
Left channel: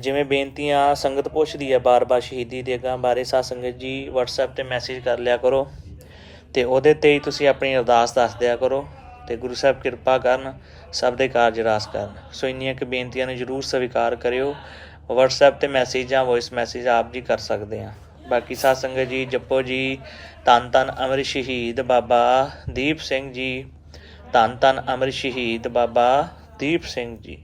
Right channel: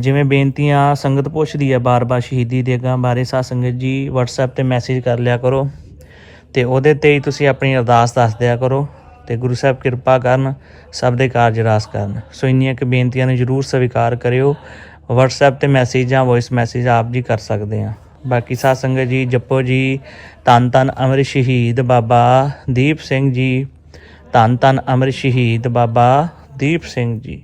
ਜਿਵੇਂ ਬੇਨਤੀਆਂ ਸੰਗਤ ਪੁੱਛਦੀ ਆ ਬਾਰ-ਬਾਰ ਸ਼ਹੀਦੀ ਦੇਗਾਂ ਬਾਰੇ, ਸਾਧ ਸੰਗਤ ਜੀ WhatsApp ਤੇ ਮੈਸੇਜ ਕਰ ਲਿਆ ਕਰੋ ਤੇ ਉਹਦੇ ਤੇ ਹੀ ਤੁਸੀਂ ਆਪਣੀ ਅਰਦਾਸ ਦੱਸ ਦਿਆ ਕਰੋ ਤੇ ਗੁਰੂ ਸਾਹਿਬ ਕਿਰਪਾ ਕਰਨ, ਸਭ ਦੇ ਕਾਰਜ ਰਾਸ ਕਰਨ। ਸੋ ਇੰਨੀਆਂ ਕਿ ਬੇਨਤੀਆਂ ਨੂੰ ਜਰੂਰ ਸਵੀਕਾਰ ਕਰਿਓ। WhatsApp ਤੇ ਮੈਸੇਜ ਜਾਂ ਵੌਇਸ ਮੈਸੇਜ ਆਪ ਜੀ ਕਰ ਸਕਦੇ ਆ। ਬਾਕੀ ਸਾਧ ਸੰਗਤ ਜੀ, ਜਪੋ ਜੀ, ਧੰਨ ਧੰਨ ਅਮਰ ਸ਼ਹੀਦ ਬਾਬਾ ਦੀਪ ਸਿੰਘ ਜੀ, ਧੰਨ ਧੰਨ ਅਮਰ ਸ਼ਹੀਦ ਬਾਬਾ ਦੀਪ ਸਿੰਘ ਜੀ।